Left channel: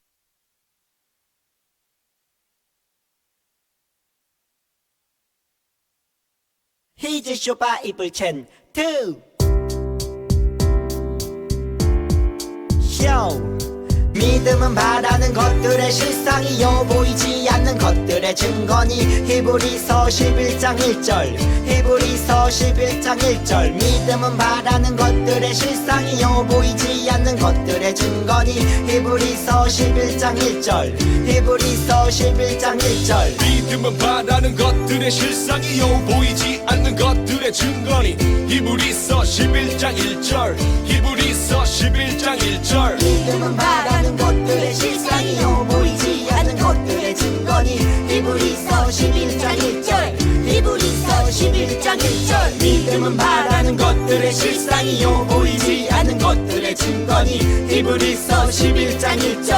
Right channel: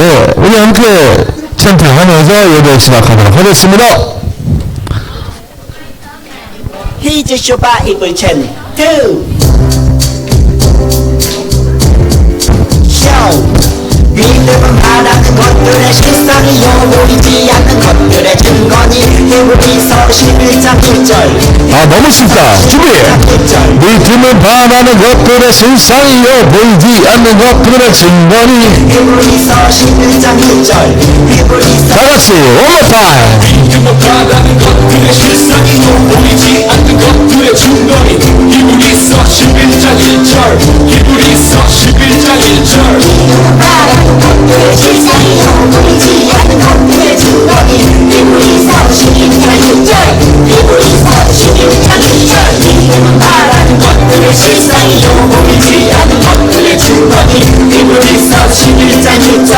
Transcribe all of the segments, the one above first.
네, 우리 함께 찬양하면서 예배 시작하도록 하겠습니다. 히즈쇼바 이불첸 두 쇼 믿음은 바라는 것들의 실상이요 보이지 않는 것들의 증거니 히브리서 11장 1절 너무 쉽다. 준비. 믿음은 바라는 것들의 실상이요 보이지 않는 것들의 증거니 히브리서 11장 1절 히브리서 다같이 one more time. 믿음은 바라는 것들의 실상이요 보이지 않는 것들의 증거니 히브리서 11장 1절 히브리서 11장 1절 것들의 실상이요 보이지 않는 것들의 증거니 히브리서 11장 1절 히브리서 11장 1절 믿음은 바라는 것들의 실상이요 보이지 않는 것들의 증거니 히브리서 11장 1절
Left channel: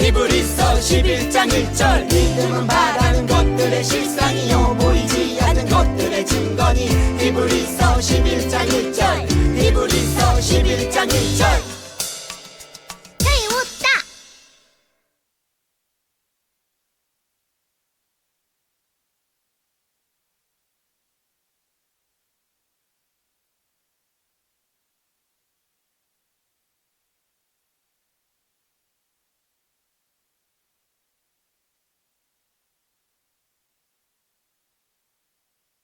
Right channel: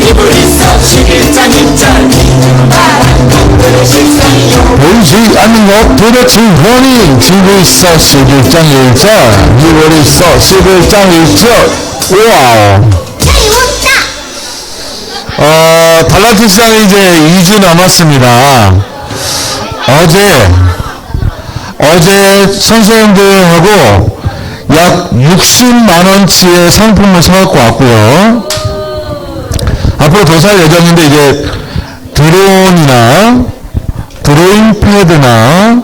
히브리서 11장 1절 믿음은 바라는 것들의 실상이요 보이지 않는 것들의 증거니 히브리서 11장 1절 히브리서 11장 1절 와우. 달란트 시장이 이제 2주 남았습니다. 어제 선생님들하고 약 60만원치의 상품을 사갖고 왔고요. 앞으로 더 살 예정인데 이제 드론이나 드로잉 패드나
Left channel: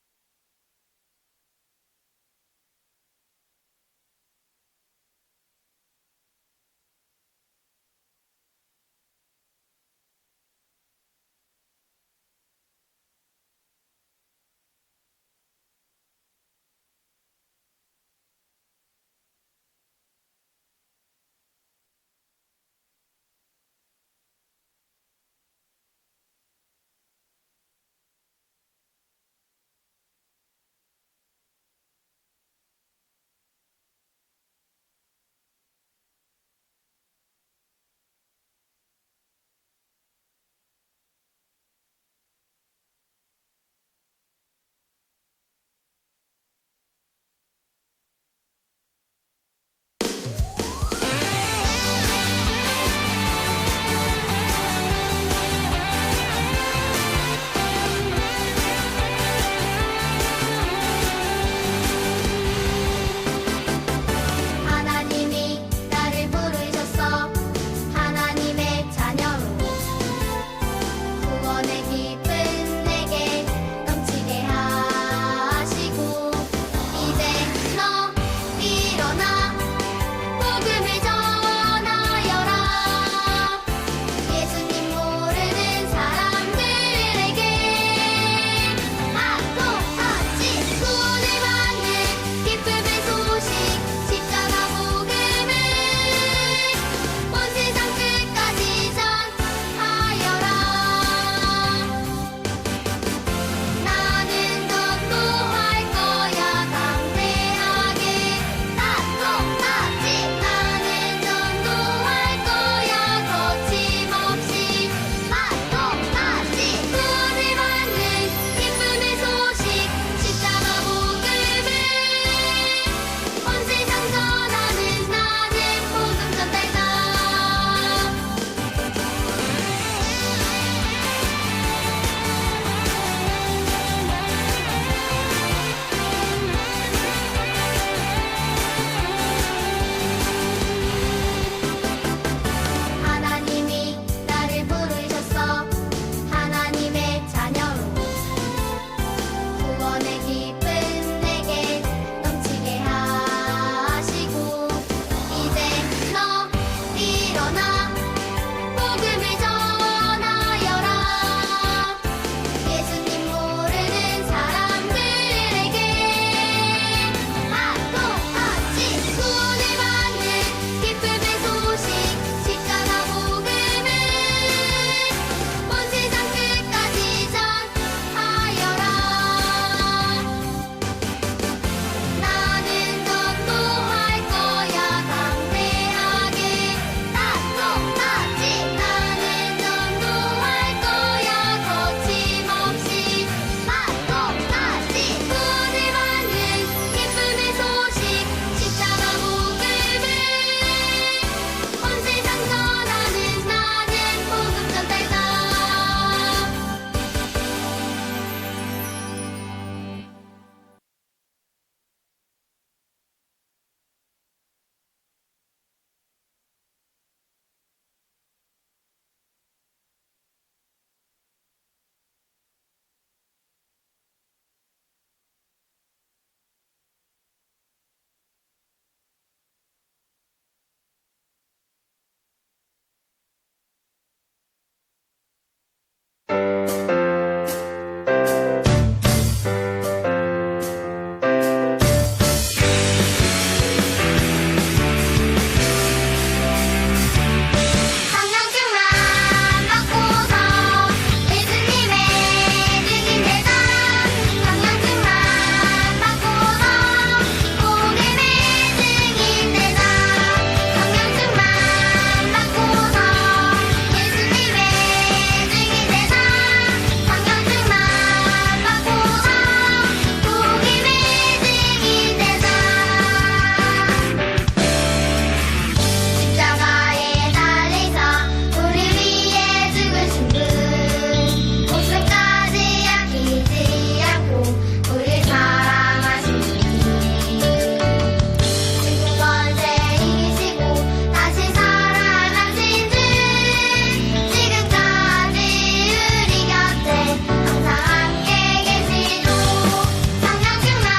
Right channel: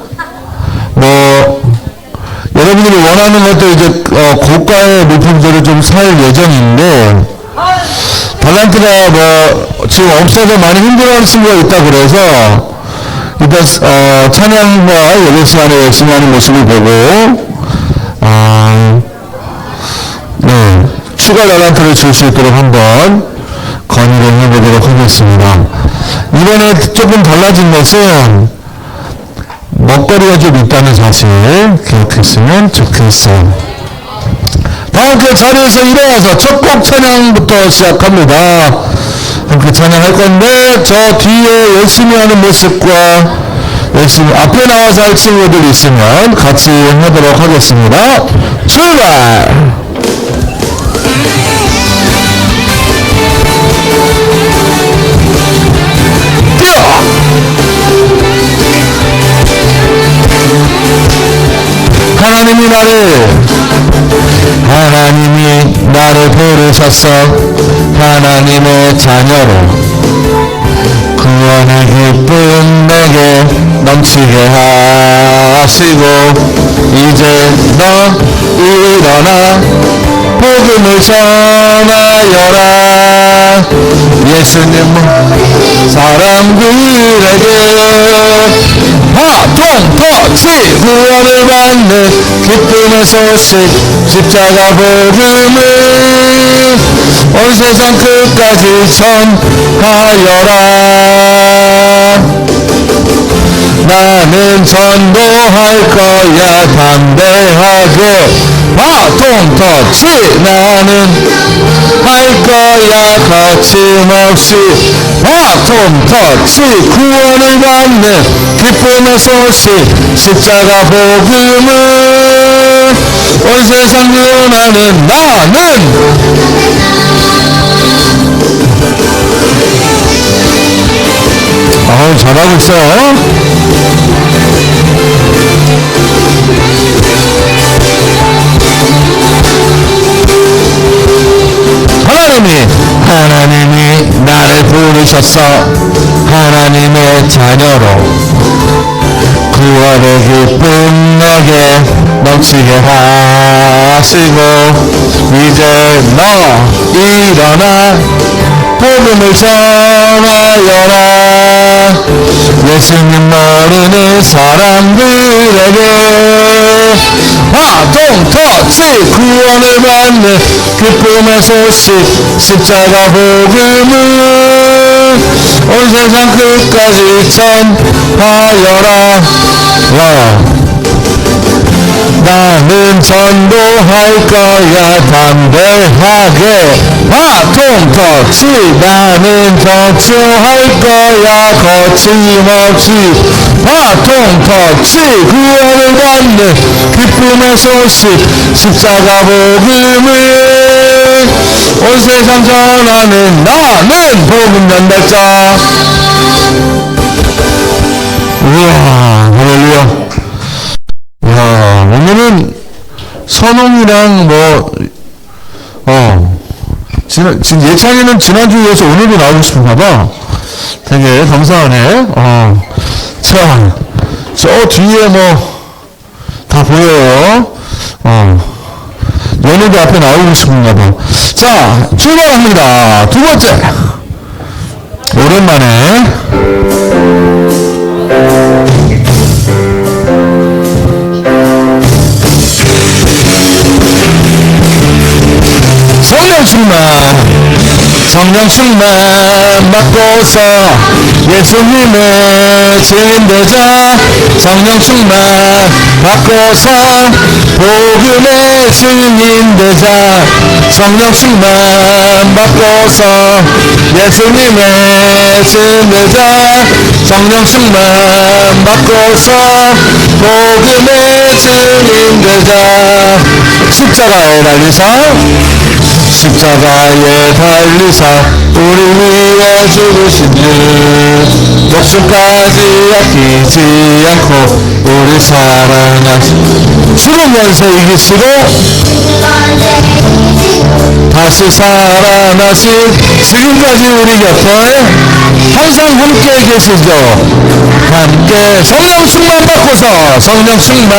여러분들이 원하는 것도 이제 고가의 물품들을 좀 살 예정인데 달란트가 지금 없어서 많이 힘들어하는 친구가 있다 그래서 일단 찬양과 예배 시간에 열심히 하는 모습을 보고 추가 달란트를 줄 수 있도록 한번 건의를 해보도록 하겠습니다. 이번에 조금 달라진 것은 먹거리가 좀 있다는 사실 기억했으면 좋겠어요. 다 함께 자리에서 일어나서 첫 곡 찬양부터 시작합니다. 함께 찬양할 건데 저 뒤에 열심히 하는 모습과 열심히 앞에 나와서 할 친구들 있으면 같이 하도록 하겠습니다. 출발! 뛰어! 하나님이 나를 부르셨어. 하나님의 자녀로 구원의 기쁨 내게 넘치게 하시고 이제 너 일어나 복음을 전하여라. 예수님 사람들에게 통터치 구원을 받는 기쁨의 소식 십자가 복음을 온 세상 끝까지 전하여라. 나는 전도할 거야 담대하게 통터치 나는 할 거야 거침없이 통터치 구원을 받는 기쁨의 소식 십자가 복음을 온 세상 전하는 나는 잘하고 있어요. 하나님이 나를 부르셨어. 하나님의 자녀로 구원의 기쁨 내게 넘치게 하시고 이제 너 일어나 복음을 전하여라. 예수님 모르는 사람들에게 통터치 구원을 받는 기쁨의 소식 십자가 복음을 온 세상 끝까지 전하여라. 나는 전도할 거야 담대하게 통터치 나는 전도할 거야 거침없이 통터치 구원을 받는 기쁨의 소식 십자가 복음을 온 세상 전하는 나는 복음 전달자. 우와, 할렐루야. 야, 오늘은 선홍이랑 지금 예창이는 지난주에 이어서 오늘도 나오고 싶은가봐. 되게 감사하네. 자, 저 뒤에 다 보여요. 연우도 앞에 나오고 싶은가봐. 자, 출발합니다. 두 번째. 오랜만에. 성령 충만 받고서 예수님의 증인되자. 성령 충만 받고서 복음의 증인되자. 성령 충만 받고서 예수님의 증인되자. 성령 충만 받고서 복음의 증인되자. 십자가에 달리사 십자가에 달리사 우리 위해 죽으신 주 목숨까지 아끼지 않고 우리 사랑하신 죽은 연세 이기시고 다시 살아나신 지금까지 우리 곁에 항상 함께 계시죠. 함께 성령 충만 받고서 성령 충만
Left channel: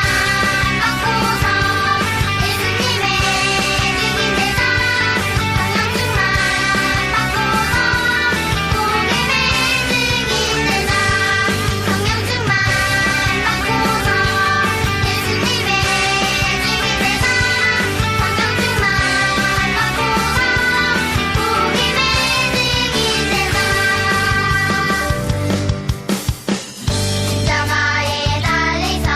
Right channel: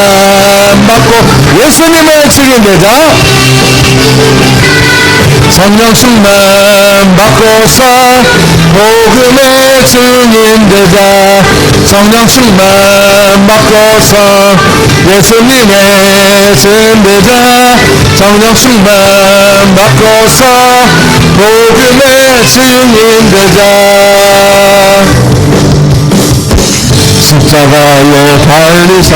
받고 예수님의 증인되자. 성령 충만 받고서 복음의 증인되자. 성령 충만 받고서 예수님의 증인되자. 성령 충만 받고서 복음의 증인되자. 십자가에 달리사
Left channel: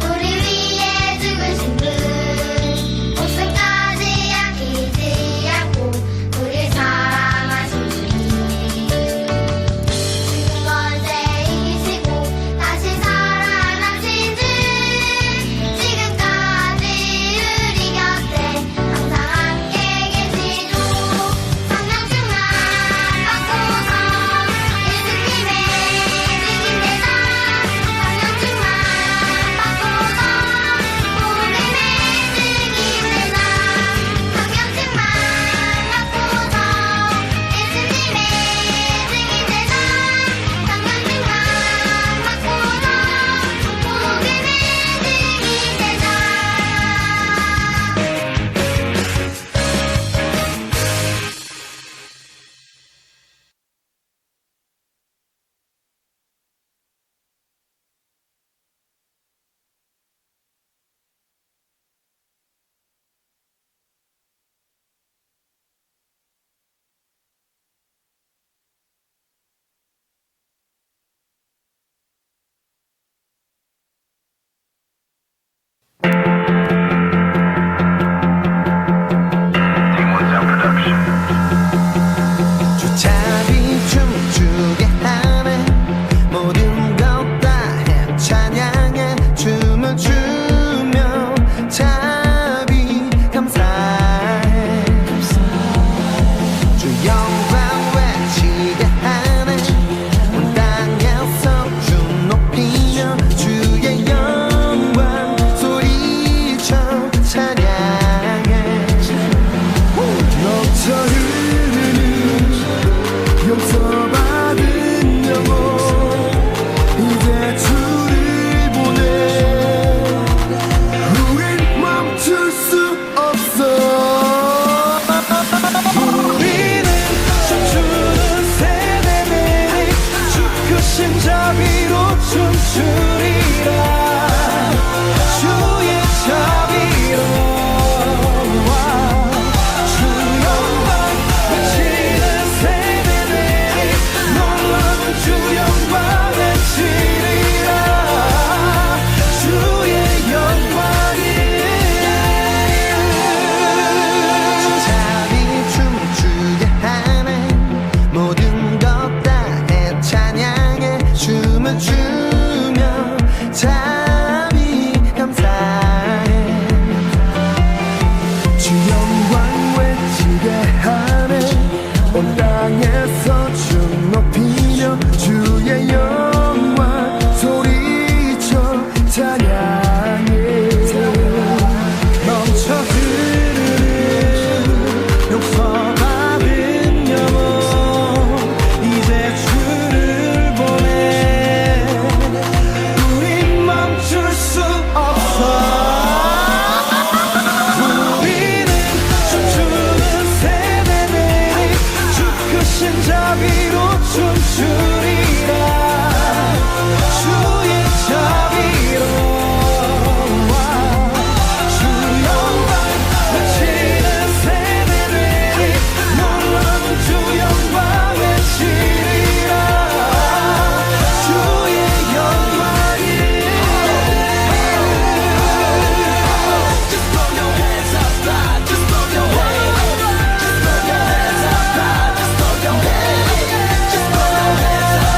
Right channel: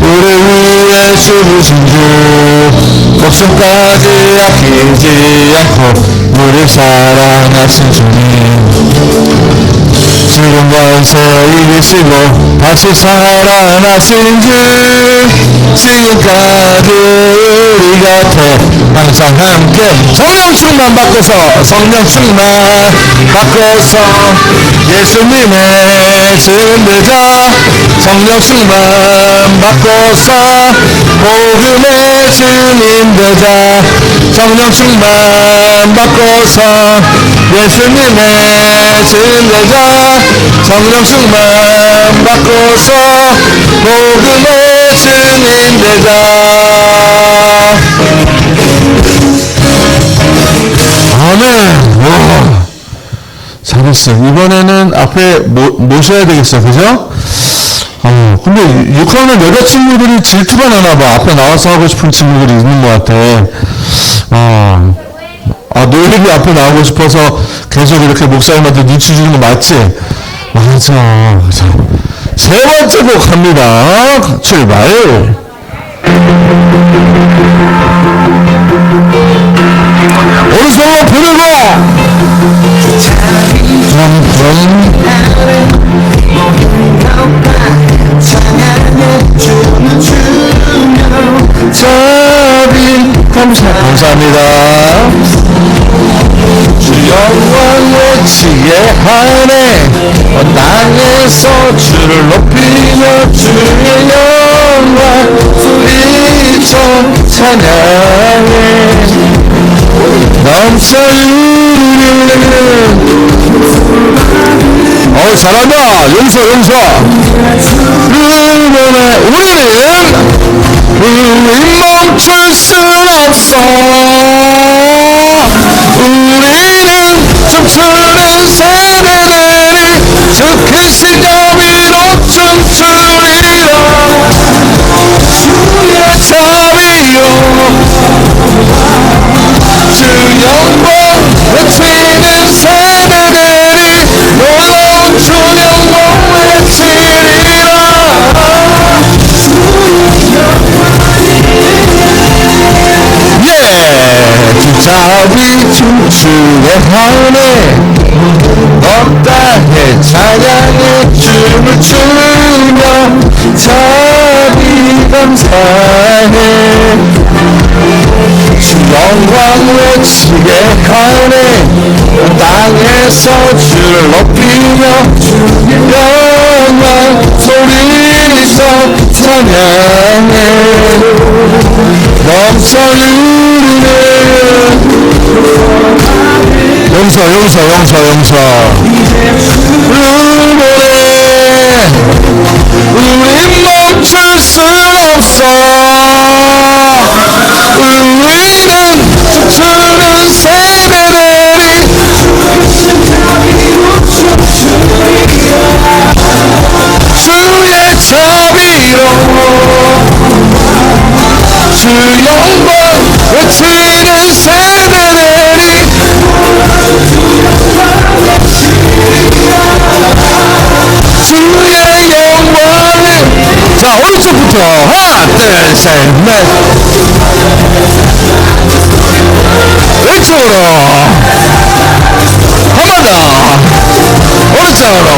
우리 위해 죽으신 주 목숨까지 아끼지 않고 우리 사랑하신 주님 지금 연세 이기시고 다시 살아나신 주 지금까지 우리 곁에 항상 함께 성령 충만 받고서 성령 충만 받고서 예수님의 증인되자. 성령 충만 받고서 복음의 증인되자. 성령 충만 받고서 예수님의 증인되자. 성령 충만 받고서 복음의 증인되자. 아멘. 잘했어. 이번에는 앞에 모셔야 되겠어. 그죠? 근데 6학년 여자친구들이 질투가 나나봐. 앞에 나와서 하고 싶은 친구들이 있는 것 같아. 노엘이 앞에 나오고 싶어서 계속 이렇게 목사님한테 눈치 주는 거 맞지? 맞아. 자, 세 번째 곡 갑니다. 출발. 오른손으로 부르고 감사합니다. 주 영광 외치게 하네. 땅에서 주를 높이며 주의 영광 소리쳐 찬양해. 넘쳐 흐르는 잘한다. 용서 우리는 멈출 순 없어. 우리는 춤추는 세대들이 주 크신 자비로 춤추리라. 주의 자비로 주 영광 외치는 세대들이 놀라운 주 영광 외치리라. 예. 시계하네 땅에서 주를 높이며 영광 소리쳐 찬양해 넘쳐 흐르네 용서 우리 멈출 순 없어 우리는 춤추는 세대들이 주의 자비로 주 영광 외치는 세대들이 주의 영광을 자 오른쪽부터 하나 둘셋넷 왼쪽으로 한 번 더 오른쪽으로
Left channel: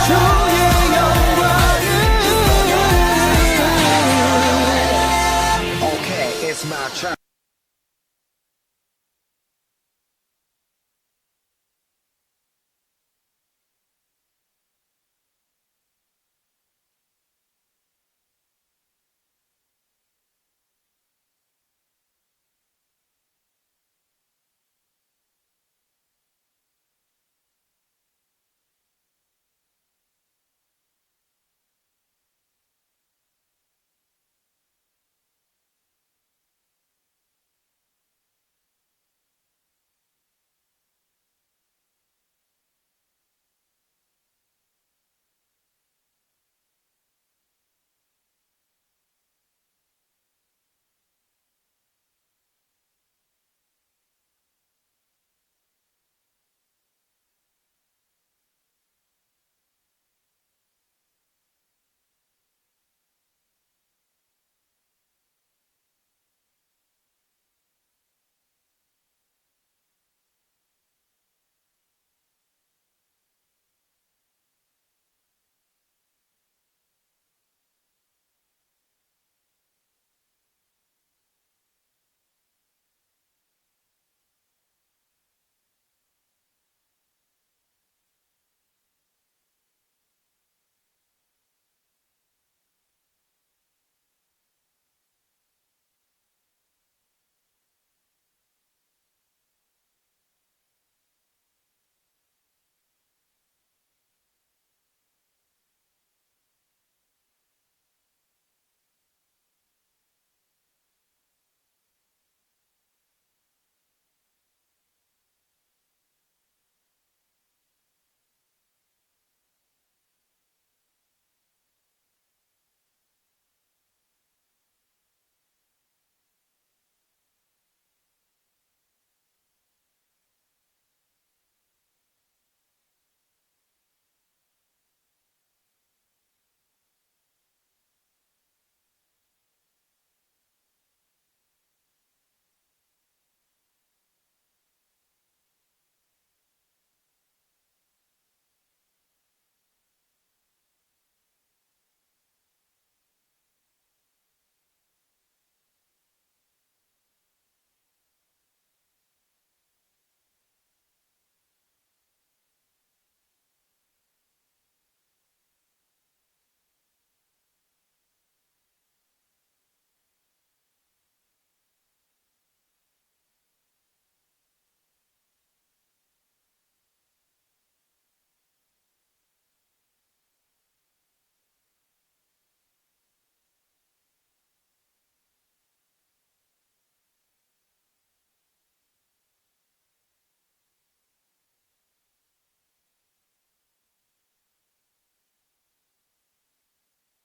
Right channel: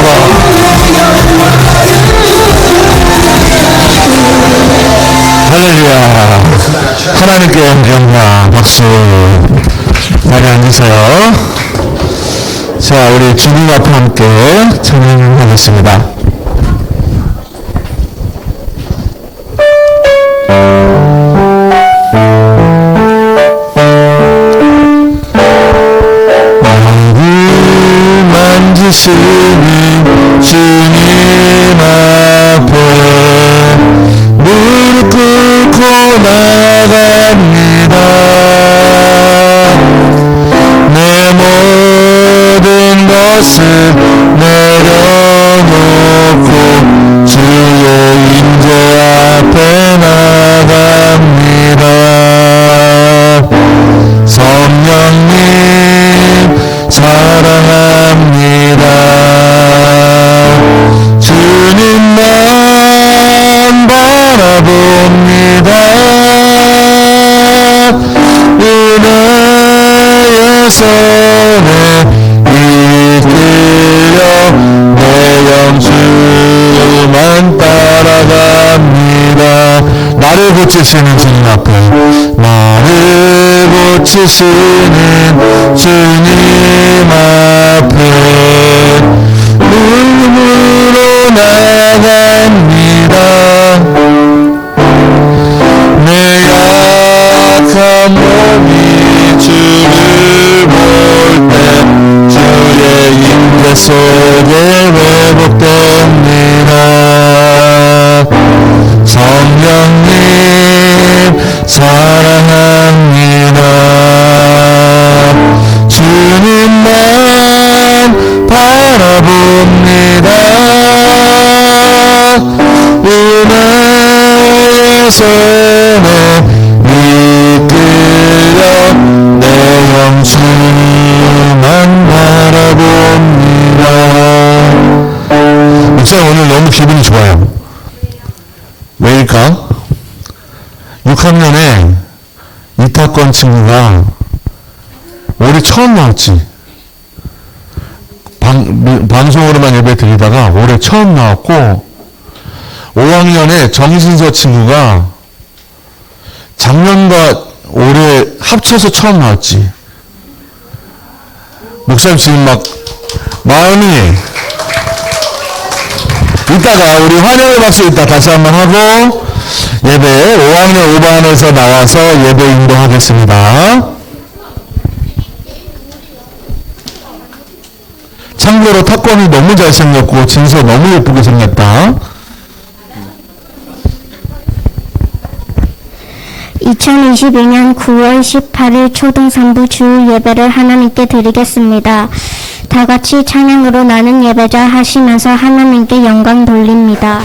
할렐루야 하나님께 영광 박수 자리에 앉으세요. 자 우리 주님 앞에 함께 찬양하겠습니다. 만지시는 주님 앞에 무릎 꿇고 나갑니다. 내 모든 것을 내려놓고 주의 임재 앞에 나갑니다. 성령님 사랑합니다. 주님만 바라봅니다. 은혜의 손에 이끌려 내 영주만 따라갑니다. 나를 고치시는 주님 앞에 나를 고치시는 주님 앞에 울음으로 나갑니다. 내 약한 몸이 주를 볼 때 주의 임재 속에 회복됩니다. 성령님 사랑합니다. 주님만 바라봅니다. 은혜의 손에 이끌려 내 영주만 바라봅니다. 목사님 오늘 너무 기분이 좋아요. 왜일까? 6학년에 이타권 친구가 올해 처음 나왔지. 방송으로만 예배 드리다가 올해 처음 나왔고 5학년에 정신서 친구가 작년과 올해 합쳐서 처음 나왔지. 목사님 지금 막 마음이 이따가 우리 환영의 박수 이따 다시 한번 하고 예배 5학년 5반에서 나와서 예배 인도하겠습니다. 참고로 탁권이 너무 잘생겼고 진서 너무 예쁘게 생겼다. 2022년 9월 18일 초등 3부 주일 예배를 하나님께 드리겠습니다. 다 같이 찬양으로 나는 예배자 하시면서 하나님께 영광 돌립니다.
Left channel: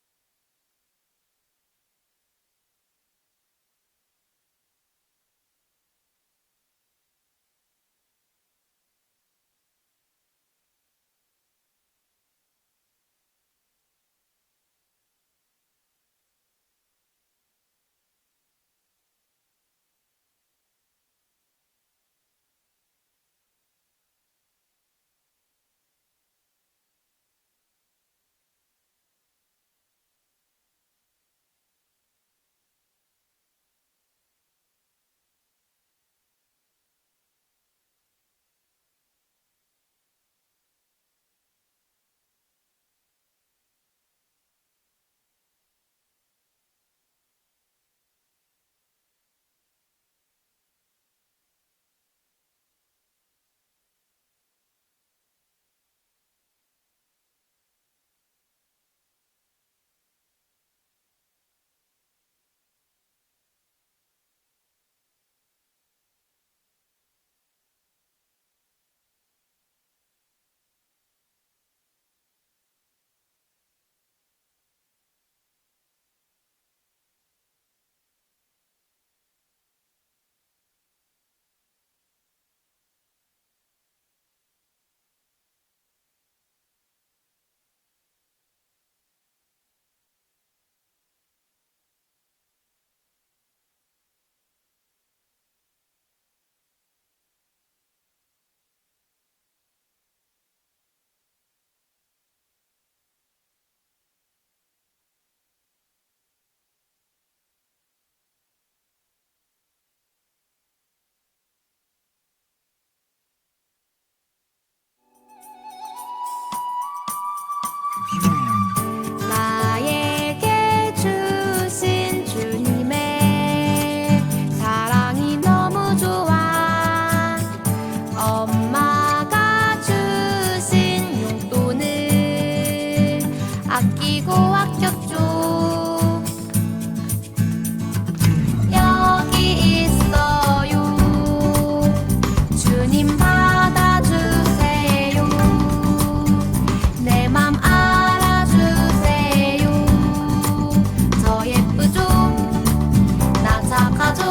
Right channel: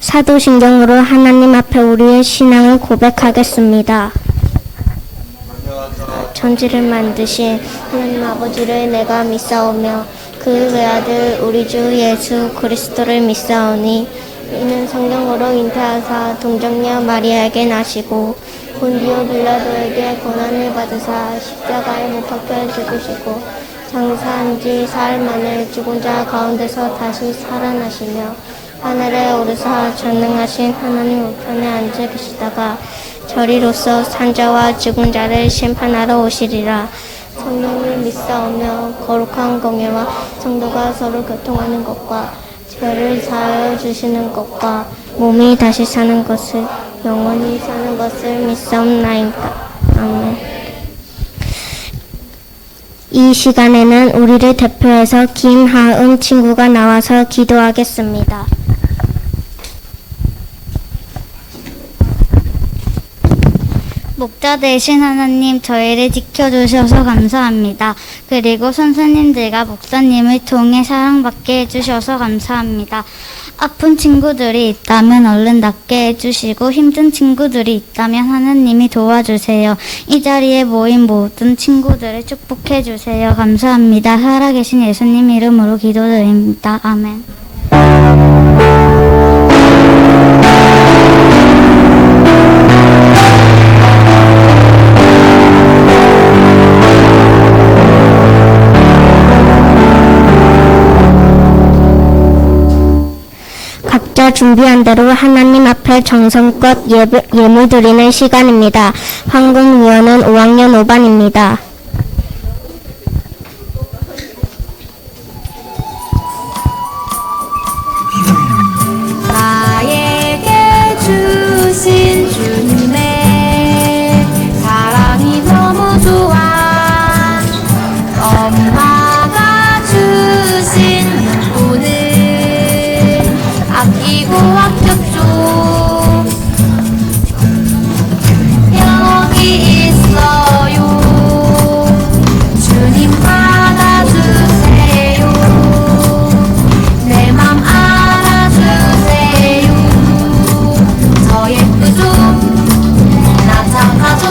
사도신경으로 하나님 앞에 우리의 신앙을 고백하겠습니다. 천지를 만드신 하나님 아버지를 내가 믿사오며 그 외아들 우리 주 예수 그리스도를 믿사오니 이는 성령으로 잉태하사 동정녀 마리아에게 나시고 본디오 빌라도에게 고난을 받으사 십자가에 못 박혀 죽으시고 장사한 지 사흘 만에 죽은 자 가운데서 다시 살아나시며 하늘에 오르사 전능하신 하나님 우편에 앉아 계시다가 저리로서 산자와 죽은 자를 심판하러 오시리라. 성령을 믿사오며 거룩한 공예와 성도가 서로 교통하는 것과 죄를 사하여 주시는 것과 몸이 다시 사는 것을 영원히 사는 것을 믿사옵나이다. 아멘. 이 시간에는 우리를 대표해서 김하은 친구가 나와서 기도하겠습니다. 목자 되신 하나님, 저희를 지켜주셔서 감사합니다. 그리고 선생님들과 목사님을 통해 사랑받게 해주셔서 감사합니다. 아픈 친구들이 있다면 얼른 낫게 해주시고 힘든 친구들이 있다면 하나님이 도와주세요. 이 자리에 모인 모든 친구들을 축복해 주세요. 감사합니다. 살아계신 예수님 이름으로 기도드립니다. 아멘. 각자 준비한 대로 하나님 앞에 정성껏 예물 드리는 시간입니다. 황금위원은 5학년 5반입니다. 나에게 주신 주님의 사랑이 너무 좋아. 엄마가 주신 오늘 아끼고 아꼈죠. 영원히 있어요. 주님 받아주세요. 내 맘 알아주세요. 저 예쁘죠? 나 착하죠?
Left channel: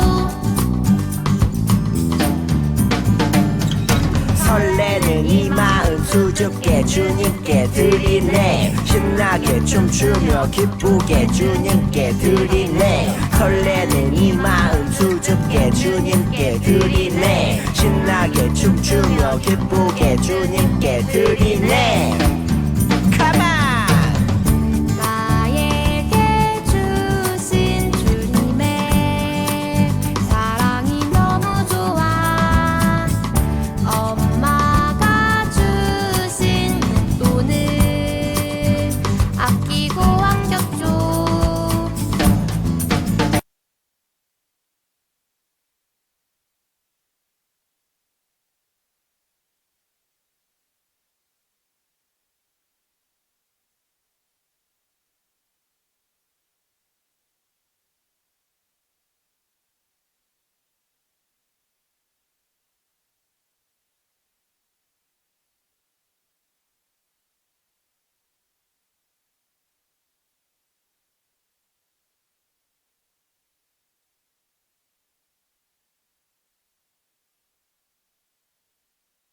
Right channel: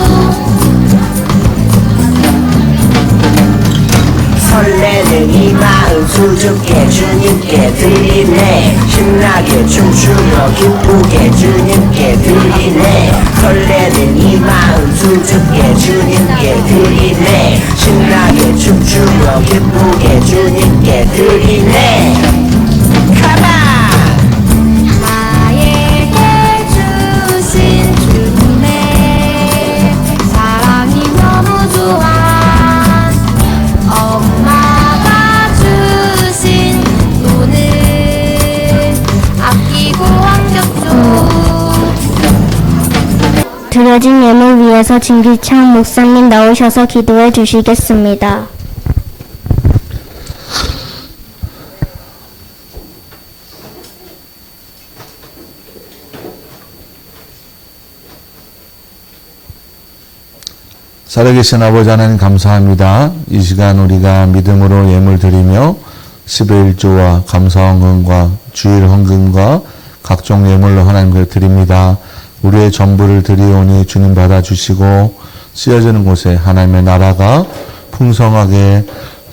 설레는 이 마음 수줍게 주님께 드리네. 신나게 춤추며 기쁘게 주님께 드리네. 설레는 이 마음 수줍게 주님께 드리네. 신나게 춤추며 기쁘게 주님께 드리네. 가라! 나에게 주신 주님의 사랑이 너무 좋아. 엄마가 주신 돈을 아끼고 아꼈죠. 드려진 예물 위해서 진기창 목사님 나오셔서 기도해 주시겠습니다. 살아계신 아버지 하나님 감사합니다. 이 시간 우리가 믿음으로 예물 드리며 11조와 감사헌금과 주일 헌금과 각종 예물로 하나님께 드립니다. 우리의 전부를 드리오니 주님 받아주시고 쓰여지는 곳에 하나님의 나라가 풍성하게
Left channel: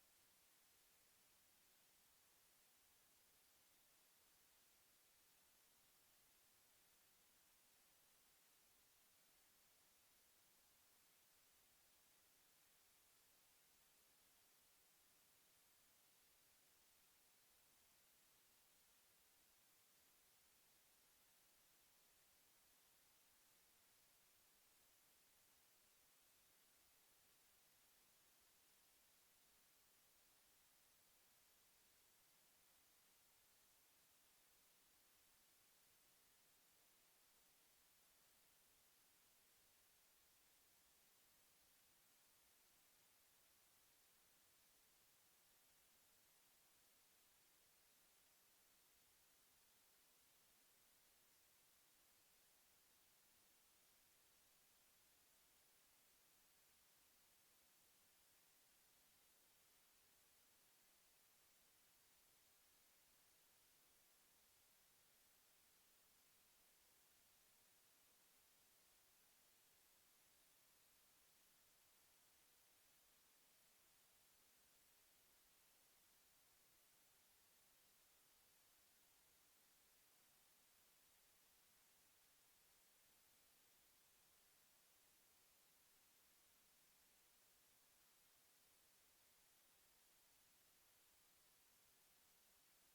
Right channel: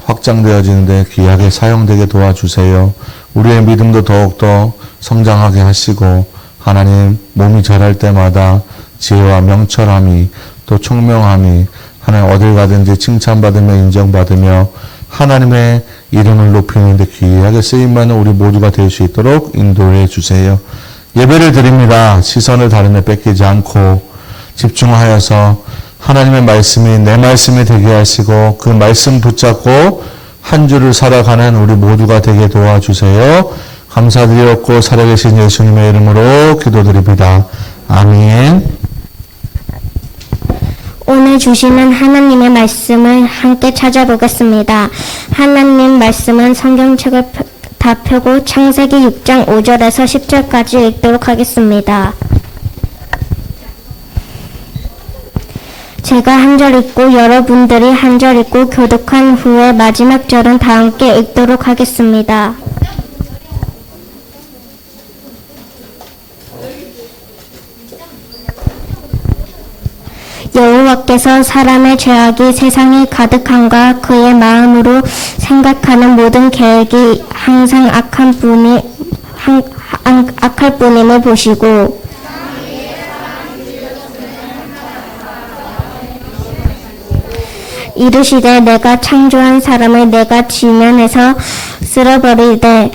확장되어지는데 귀하게 사용되게 도와주세요. 우리의 믿음도 더욱더 성장하게 하시고 하나님 몸이 자랄 때마다 지혜와 명철함이 또 총명함이 하나님 어딜 가든지 칭찬받으며 인정받으며 하나님의 이름을 높이는데 귀하게 쓰임받는 우리 모두가 될 수 있도록 인도해 주세요. 예배를 드립니다. 시선을 다른 데 뺏기지 않고 집중하여서 하나님의 말씀이 내 말씀이 되게 하시고 그 말씀 붙잡고 한 주를 살아가는 우리 모두가 되게 도와주세요. 감사드렸고 살아계신 예수님의 이름으로 기도드립니다. 아멘. 오늘 주시는 하나님의 말씀을 함께 찾아보겠습니다. 하나님 말씀은 성경책을 다 펴고 창세기 6장 5절에서 10절까지 읽도록 하겠습니다. 제가 한 절 읽고 여러분들이 한 절 읽고 교독한 후에 마지막 절은 다 함께 읽도록 하겠습니다. 여호와께서 사람의 죄악이 세상에 가득함과 그의 마음으로 생각하는 모든 계획이 항상 악할 뿐임을 보시고 이르시되 내가 창조한 사람을 내가 지면에서 쓸어버리되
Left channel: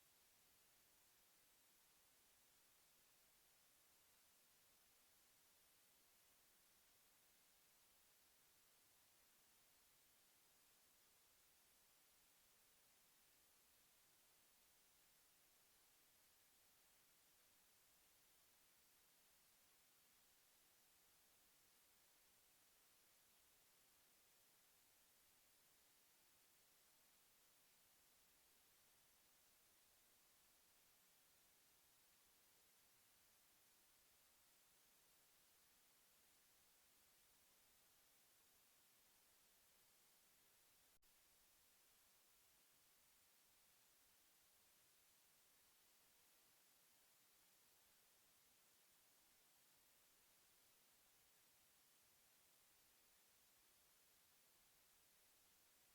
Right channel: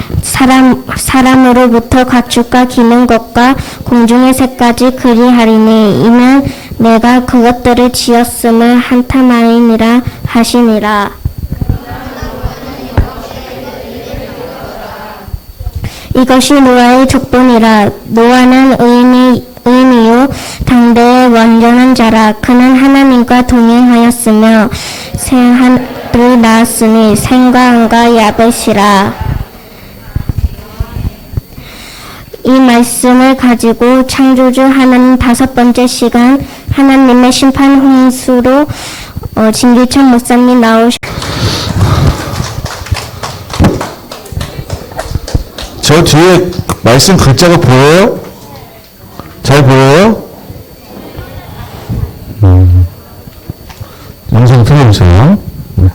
사람으로부터 가축과 기는 것과 공중의 새까지 그리하리니 이는 내가 그것들을 지었음을 한탄하이니라 하시니라. 이것이 노아의 족본이라. 노아는 의인이요 당대의 완전한 자라. 그는 하나님과 동행하였으며 새하늘을 낳았으니 샘과 암과 야벳이라. 이 말씀을 가지고 창조주 하나님 5번째 시간 하나님의 심판 홍수로 진기천 목사님 저 뒤에 말씀 글자가 보여요? 잘 보여요? 영상 틀어주세요. 네.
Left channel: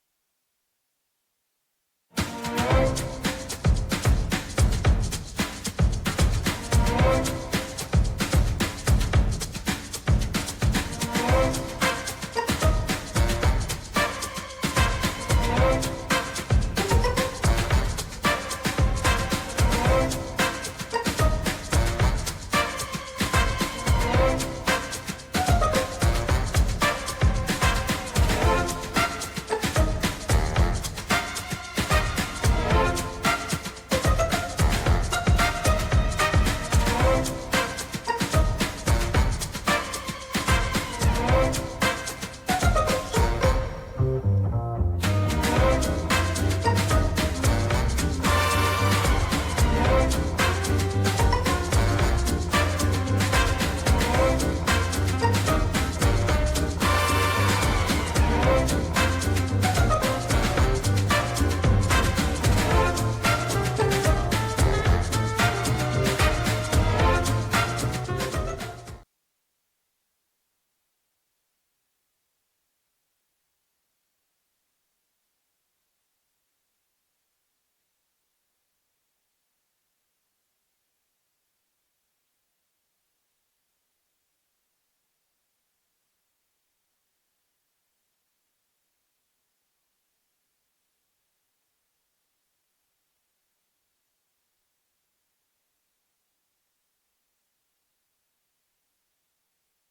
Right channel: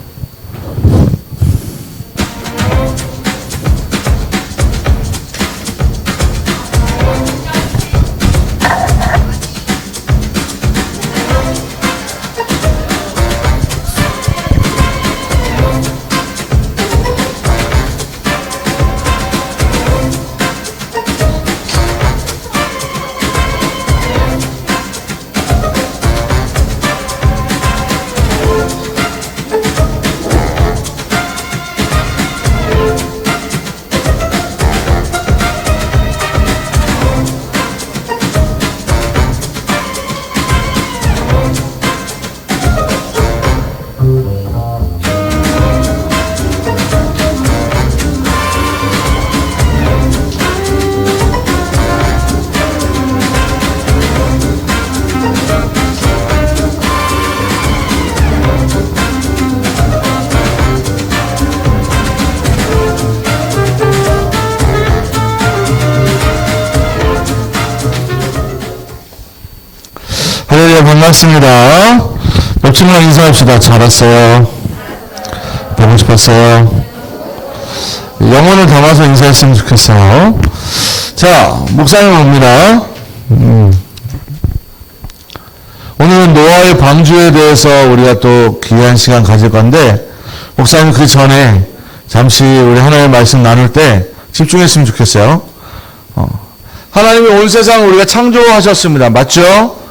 할렐루야, 반갑습니다. 옆친구랑 인사합시다. 잘 왔어요. 보고 싶었어요. 영혼을 담아서 인사했으면 좋겠어요. 자, 목사님 옵니다. 오늘은 노아의 방주에 대해서 우리가 또 귀한 시간 가질 건데, 목사님 그 전에 잠시 우리 하나님의 말씀 나눌 때 집중했으면 좋겠어요. 하나님이 온 세상을 우리가 창조하셨습니다. 맞죠?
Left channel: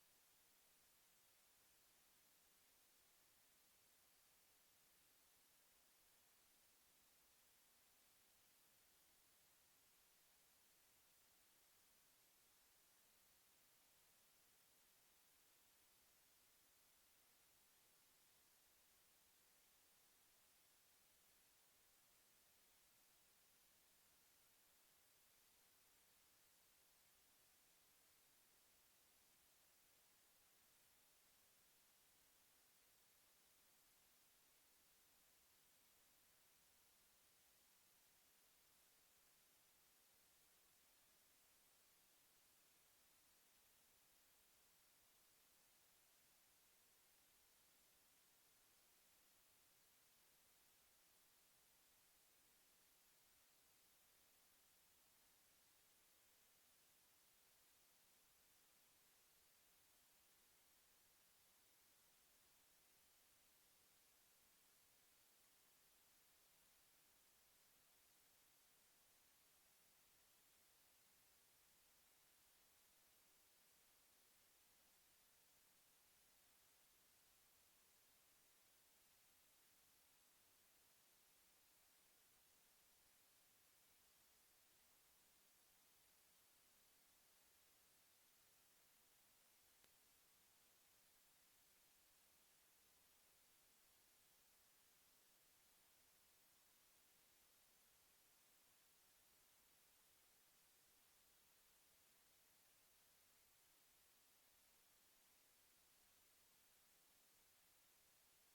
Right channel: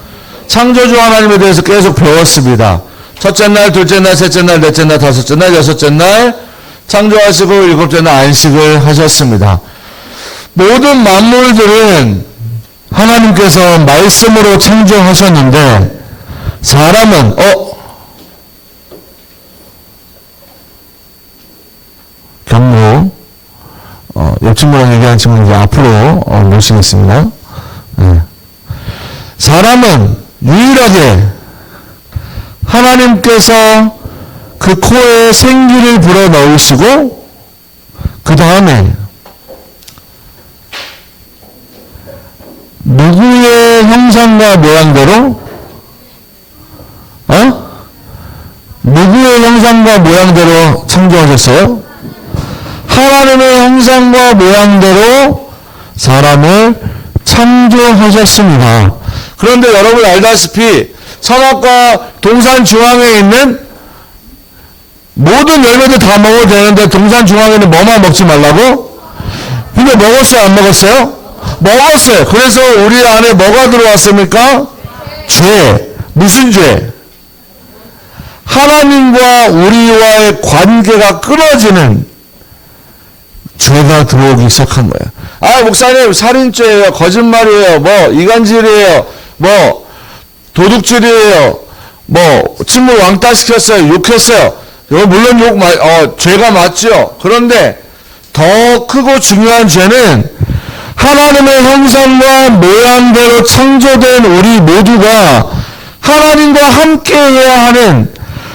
창조주 하나님에 대해서 계속 배웠습니다. 첫째 날, 둘째 날, 셋째 날, 넷째 날, 다섯째 날, 여섯째 날 창조하시고 일곱째 날 안식을 하셨습니다. 모든 만물들은 하나님께서 말씀으로 창조하셨는데 사람은 경무 옆 친구랑 얘기하는 친구는 이제 앞으로 모시겠습니다. 네. 사람은 유일하게 하나님께서 그 코에 생기를 불어넣으시고 그 다음에 누구의 형상과 모양대로 누구의 형상과 모양대로 창조하셨어요? 하나님의 형상과 모양대로 사람을 창조하셨습니다. 그런데 여러분 알다시피 서막과 동산 중앙에 있는 모든 열매들 다 먹어도 되는데 동산 중앙에는 뭐만 먹지 말라고? 근데 먹었어요? 안 먹었어요? 먹었어요. 그래서 우리 안에 뭐가 들어왔습니까? 죄. 무슨 죄? 하나님과 우리와의 관계가 끊어지는 죄가 들어오기 시작한 거예요. 목사님 살인죄예요, 거짓말이에요, 이간질이에요, 도둑질이에요, 친구 왕따 시켰어요, 욕했어요. 이거 물론 죄가 맞죠. 그런데 더 크고 중요한 죄는 하나님의 형상과 모양대로 창조된 우리 모두가 하나님과 함께 해야 하는,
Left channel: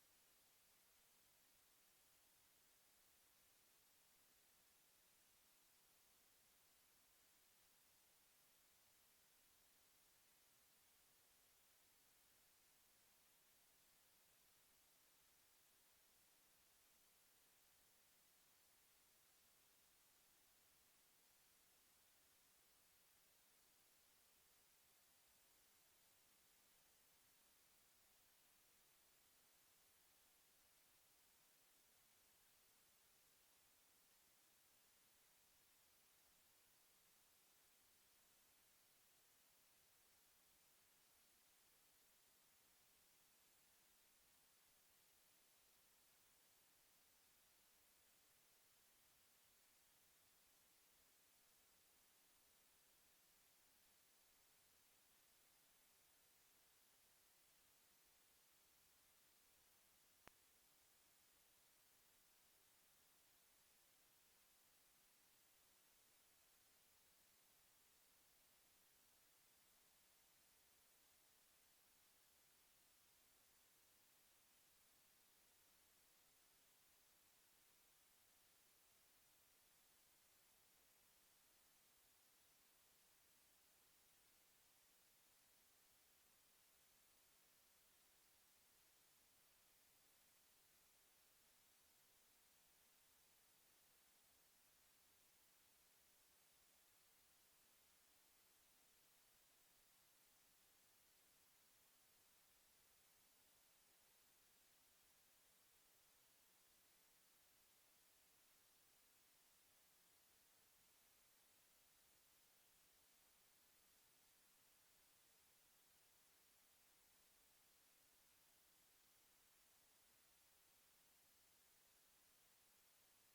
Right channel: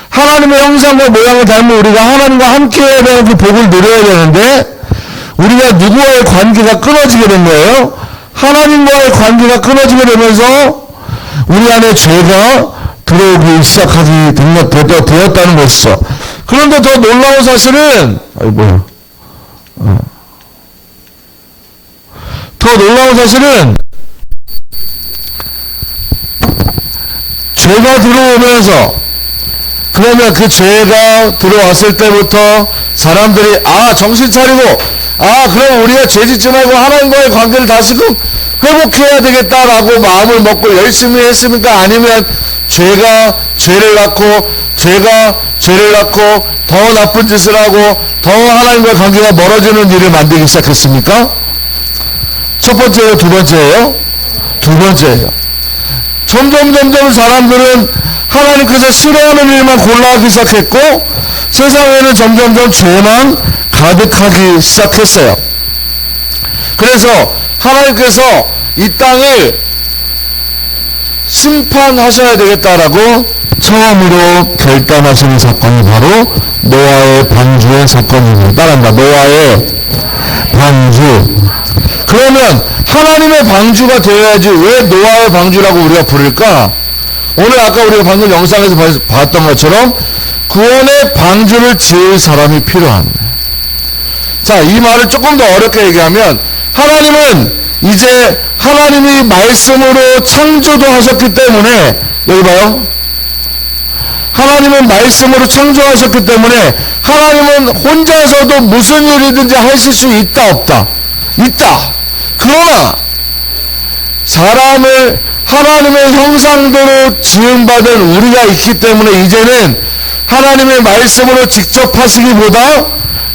하나님의 형상과 모양을 닮은 우리가 하나님과 함께 해야 되는 그 복을 누려야 되는데 우리가 누구와의 관계가 끊어지게 된 거예요. 하나님과의 관계가 끊어지게 되면서 우리 안에 죄가 들어오기 시작하게 되었다는 것이죠. 그런데 더 놀라운 사실은, 더 놀라운 사실은, 죄가 들어오면서, 그러면 그 죄가 들어왔을 때부터 사람들이, 정신 차리고, 그럼 우리가 죄 짓지 말고 하나님과의 관계를 다시금 회복해야 되겠다라고 마음을 먹고 열심히 했습니까? 아니면 죄가 죄를 낳고, 죄가 죄를 낳고, 더 나쁜 짓을 하고, 더 하나님과의 관계가 멀어지는 일을 만들기 시작했습니까? 첫 번째예요? 두 번째예요? 두 번째예요. 점점 사람들은 하나님께서 싫어하는 일만 골라하기 시작했고, 세상에는 점점 죄만 가득하기 시작했어요. 그래서 하나님께서 이 땅을 심판하셔야 되겠다라고 처음으로 결단하시는 사건이 바로 노아의 방주의 사건입니다. 따라합니다. 노아의 방주. 그러면 하나님의 방주가 되어야지 왜 노아의 방주라고 우리가 부를까? 오늘 아까 우리가 방금 영상에서 봤던 것처럼 구원의 방주를 지을 사람이 필요합니다. 자, 이 말을 조금 더 어렵게 얘기하면 하나님은 이제 하나님이 말씀으로 창조도 하셨기 때문에, 여기 봐요. 하나님은 말씀으로 창조하셨기 때문에 하나님은 혼자서도 무슨 일이든지 하실 수 있다 없다? 있다. 그러나 사람을 하나님의 형상대로 지음받은 우리가 있기 때문에 이제는 하나님의 말씀으로 직접 하시기보다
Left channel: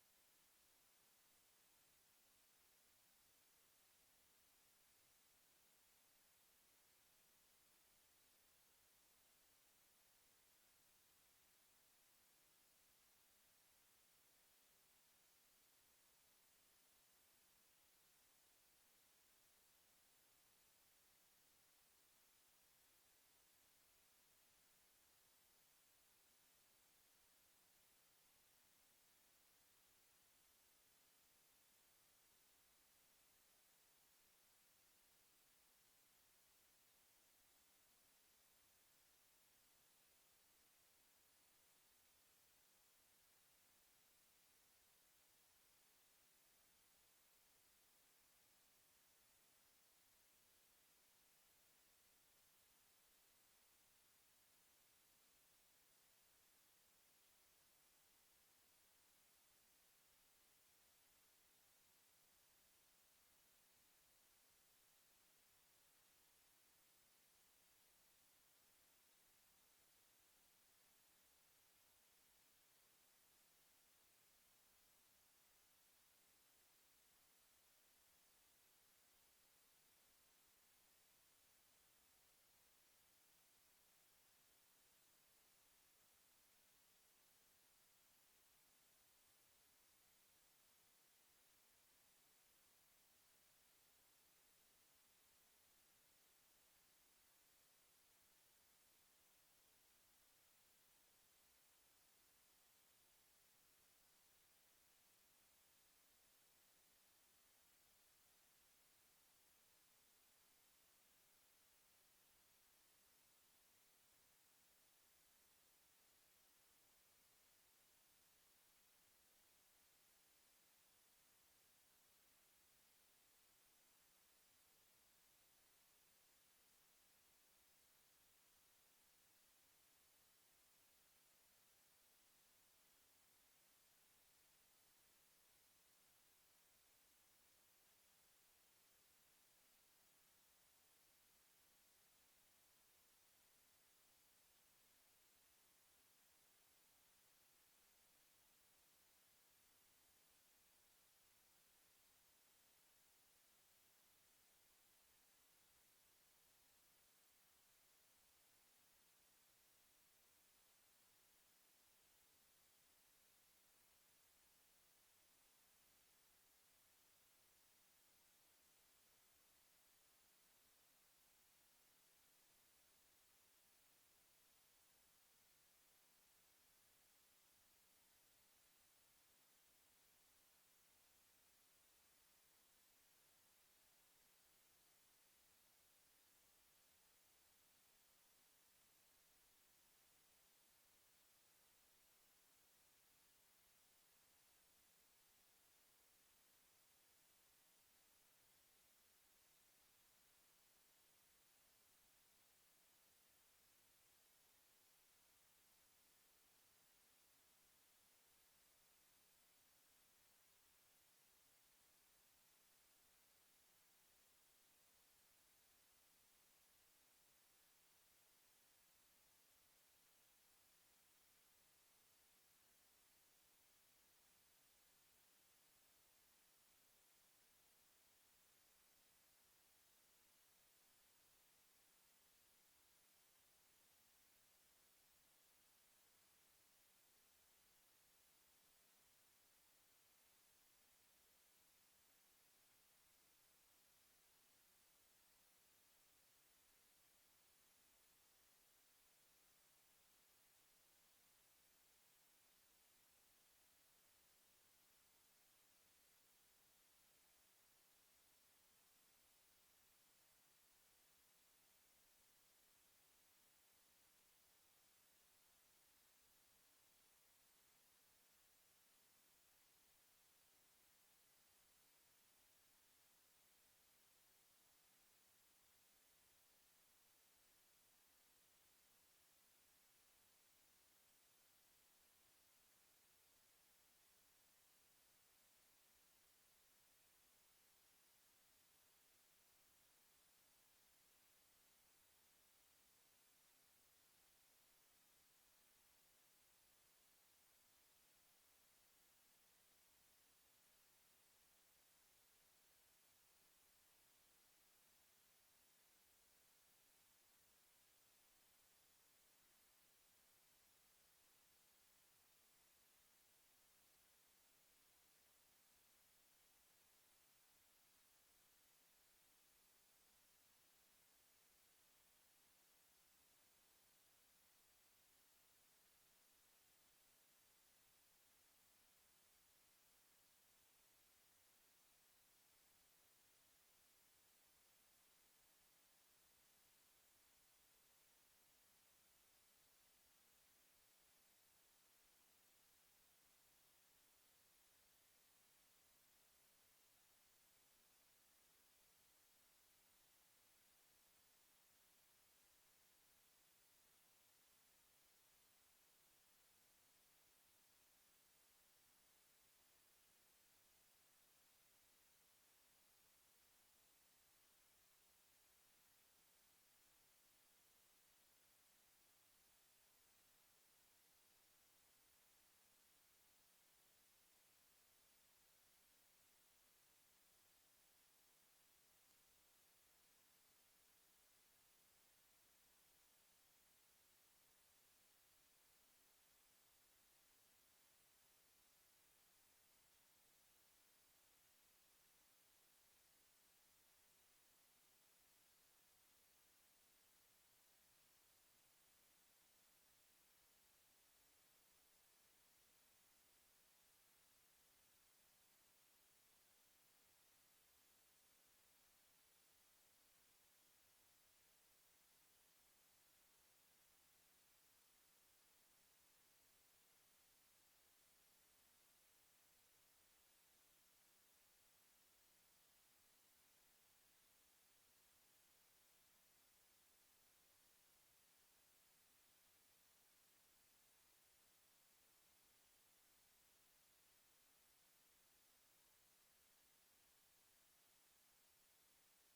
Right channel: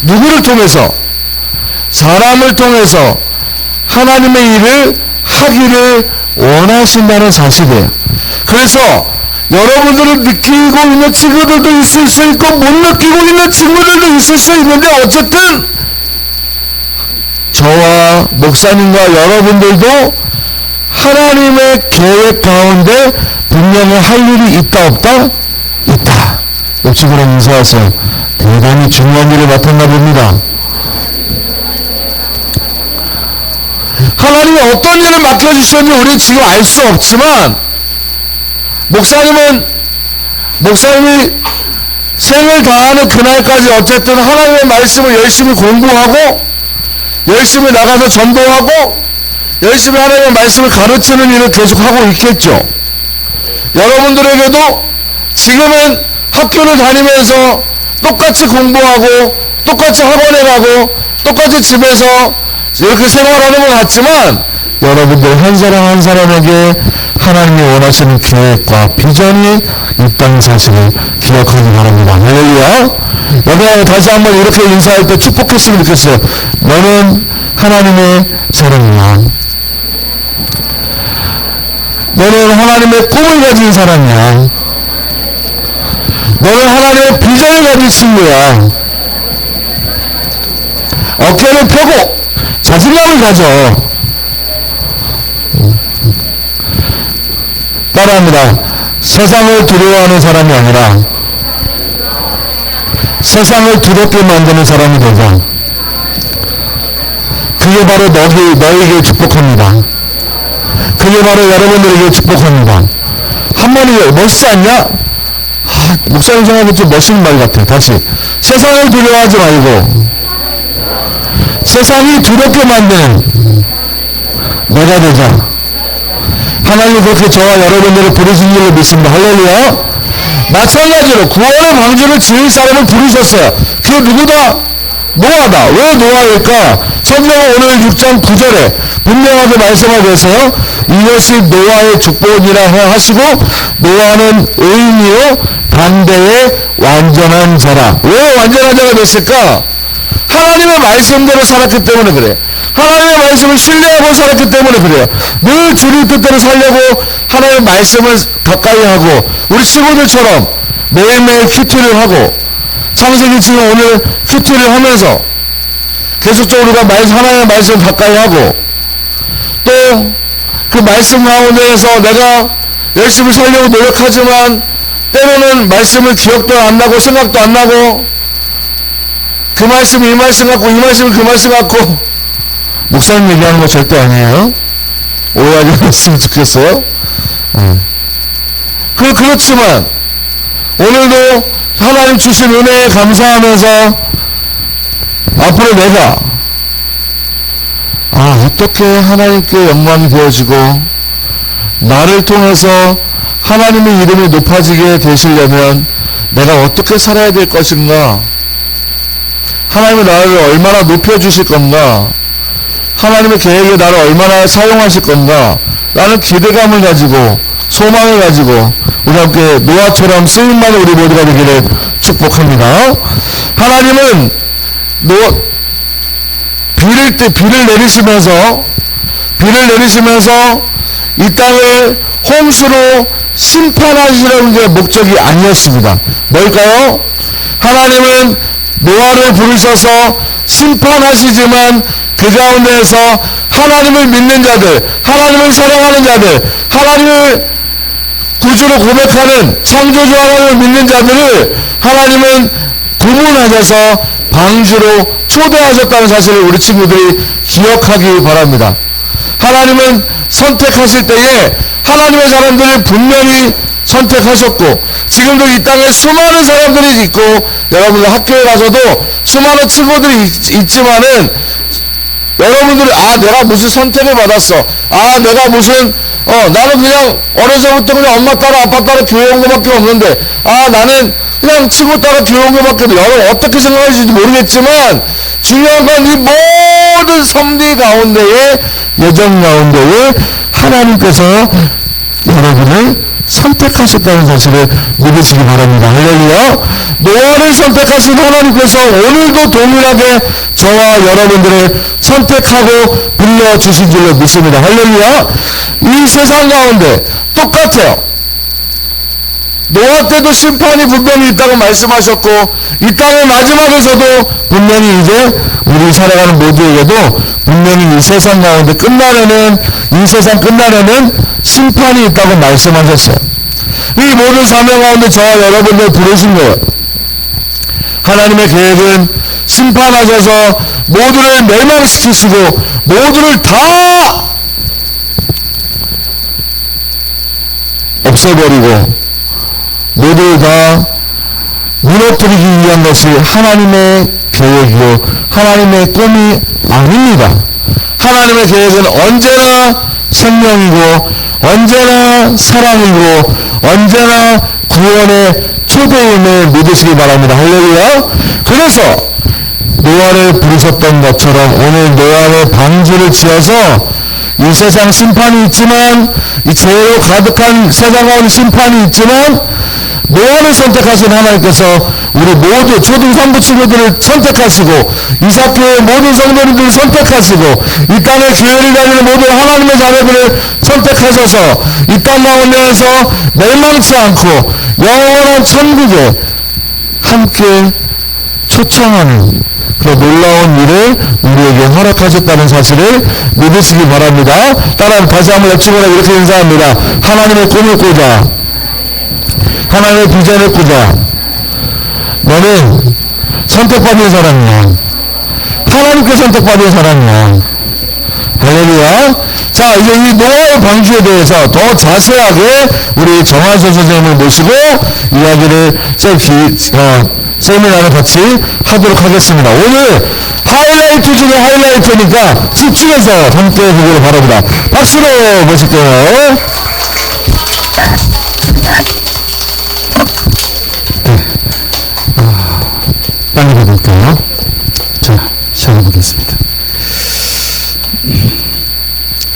누구를 통해서? 사람을 통해서 하나님의 일을 하기를 원하신다는 사실이에요. 그래서 여러분들은 느끼고 있는 친구들도 있을 수 있고 못 느끼고 있는 친구들도 있을 수 있는데, 어쨌든 저와 목사님과 여러분들도 하나님의 계획 가운데 분명히 할 일이 있다 없다? 있다. 옆집으로 인사하세요. 대단히 중요한 일을 맡았나 봅니다. 하나님이 어떤 일을 맡겨주셨는지 우리는 지금 알 수 없지만, 목사님이 생을 다하는 그날까지 어쨌든 하나님의 말씀을 열심히 공부하고, 열심히 나가서 전도하고, 열심히 하나님의 말씀을 가르치는 일을 계속하고 있겠죠. 여러분들에게도 지금은 학교를 다니면서 똑같이 공부하고, 똑같이 학원에 가고, 똑같이 집에서 이렇게 생활하는 것 같지만, 여러분들 한 사람 한 사람에게 하나님이 원하시는 계획과 비전이 있다는 사실을 기억하기 바랍니다. 할렐루야. 여러분 다시 한번 이렇게 인사할 때 축복했으면 좋겠어요. 너는 하나님의 사람이야. 너는 하나님의 꿈을 가진 사람이야. 너는 하나님의 비전을 가진 친구야. 어깨를 펴고 자신감을 가져. 따라합니다. 세상을 두려워하는 사람이 아니라 세상을 두렵게 만드는 사람이 되자. 그게 바로 너에게 축복합니다. 그게 바로 여러분들에게 축복합니다. 한마디 멋있지 않냐? 목사님 생각하면 좀 멋있는 말 같아. 다시. 세상을 두려워하지 말고 세상이 두렵게 만드는 내가 되자. 하나님이 그렇게 저와 여러분들을 부르신 줄로 믿습니다. 할렐루야. 마찬가지로 구원의 방주를 지을 사람을 부르셨어요. 그게 누구다? 노아다. 왜 노아일까? 성경은 오늘 6장 9절에 분명하게 말씀하고 계세요. 이것이 노아의 축복이라 하시고, 노아는 의인이요 반대의 완전한 자라. 왜 완전한 자가 됐을까? 하나님의 말씀대로 살았기 때문에 그래. 하나님의 말씀을 신뢰하고 살았기 때문에 그래요. 늘 주님 뜻대로 살려고 하나님의 말씀을 가까이 하고, 우리 친구들처럼 매일매일 큐티를 하고, 창세기 지금 오늘 큐티를 하면서 계속적으로 우리가 하나님의 말씀을 가까이 하고, 또 그 말씀 가운데에서 내가 열심히 살려고 노력하지만 때로는 말씀을 기억도 안 나고 생각도 안 나고, 그 말씀 이 말씀 같고 이 말씀 그 말씀 같고. 목사님 얘기하는 거 절대 아니에요. 오해하지 않았으면 좋겠어요. 그렇지만 오늘도 하나님 주신 은혜에 감사하면서 앞으로 내가 어떻게 하나님께 영광이 되어지고 나를 통해서 하나님의 이름이 높아지게 되시려면 내가 어떻게 살아야 될 것인가, 하나님이 나를 얼마나 높여주실 건가, 하나님의 계획에 나를 얼마나 사용하실 건가 라는 기대감을 가지고 소망을 가지고 우리 함께 노아처럼 쓰임받는 우리 모두가 되기를 축복합니다. 하나님은 비를 내리시면서 이 땅을 홍수로 심판하시려는 게 목적이 아니었습니다. 뭘까요? 하나님은 노아를 부르셔서 심판하시지만 그 가운데에서 하나님을 믿는 자들, 하나님을 사랑하는 자들, 하나님을 구주로 고백하는 창조주 하나님을 믿는 자들을 하나님은 구분하셔서 방주로 초대하셨다는 사실을 우리 친구들이 기억하기 바랍니다. 하나님은 선택하실 때에 하나님의 사람들을 분명히 선택하셨고, 지금도 이 땅에 수많은 사람들이 있고, 여러분들 학교에 가서도 수많은 친구들이 있지만은 여러분들이 내가 무슨 선택을 받았어, 내가 무슨 나는 그냥 어려서부터 그냥 엄마 따라 아빠 따라 교회 온 것밖에 없는데, 나는 그냥 친구 따라 교회 온 것밖에 없는데, 여러분 어떻게 생각하실지 모르겠지만 중요한 건 이 모든 섭리 가운데에, 예정 가운데에 하나님께서 여러분을 선택하셨다는 사실을 믿으시기 바랍니다. 할렐루야. 노아를 선택하신 하나님께서 오늘도 동일하게 저와 여러분들을 선택하고 불러주신 줄로 믿습니다. 할렐루야. 이 세상 가운데 똑같아요. 노아 때도 심판이 분명히 있다고 말씀하셨고, 이 땅의 마지막에서도 분명히 이제 우리 살아가는 모두에게도 분명히 이 세상 가운데 이 세상 끝날에는 심판이 있다고 말씀하셨어요. 이 모든 사명 가운데 저와 여러분들 부르신 거예요. 하나님의 계획은 심판하셔서 모두를 멸망시키시고 모두를 다 없애버리고 모두를 다 무너뜨리기 위한 것이 하나님의 계획이고 하나님의 꿈이 아닙니다. 하나님의 계획은 언제나 생명이고 언제나 사랑이고 언제나 구원의 초대임을 믿으시기 바랍니다. 할렐루야. 그래서 노아를 부르셨던 것처럼 오늘 노아의 방주를 지어서 이 세상 심판이 있지만, 이 죄로 가득한 세상 가운데 심판이 있지만, 노아를 선택하신 하나님께서 우리 모두 초등산부 친구들을 선택하시고 이삭교회 모든 성도님들을 선택하시고 이 땅의 교회를 다니는 모든 하나님의 자녀들을 선택하셔서 이 땅 가운데에서 멸망치 않고 영원한 천국에 함께 초청하는 그런 놀라운 일을 우리에게 허락하셨다는 사실을 믿으시기 바랍니다. 따라 다시 한번 옆집으로 이렇게 인사합니다. 하나님의 꿈을 꾸자, 하나님의 비전을 꾸자. 너는 선택받은 사람이야. 하나님께 선택받은 사람이야. 할렐루야. 자, 이제 이 노아의 방주에 대해서 더 자세하게 우리 정한선 선생님을 모시고 이야기를 세미나를 같이 하도록 하겠습니다. 오늘 하이라이트 중에 하이라이트니까 집중해서 함께 보기를 바랍니다. 박수로 모실게요. 빨리 가볼까요? 자, 시작해보겠습니다.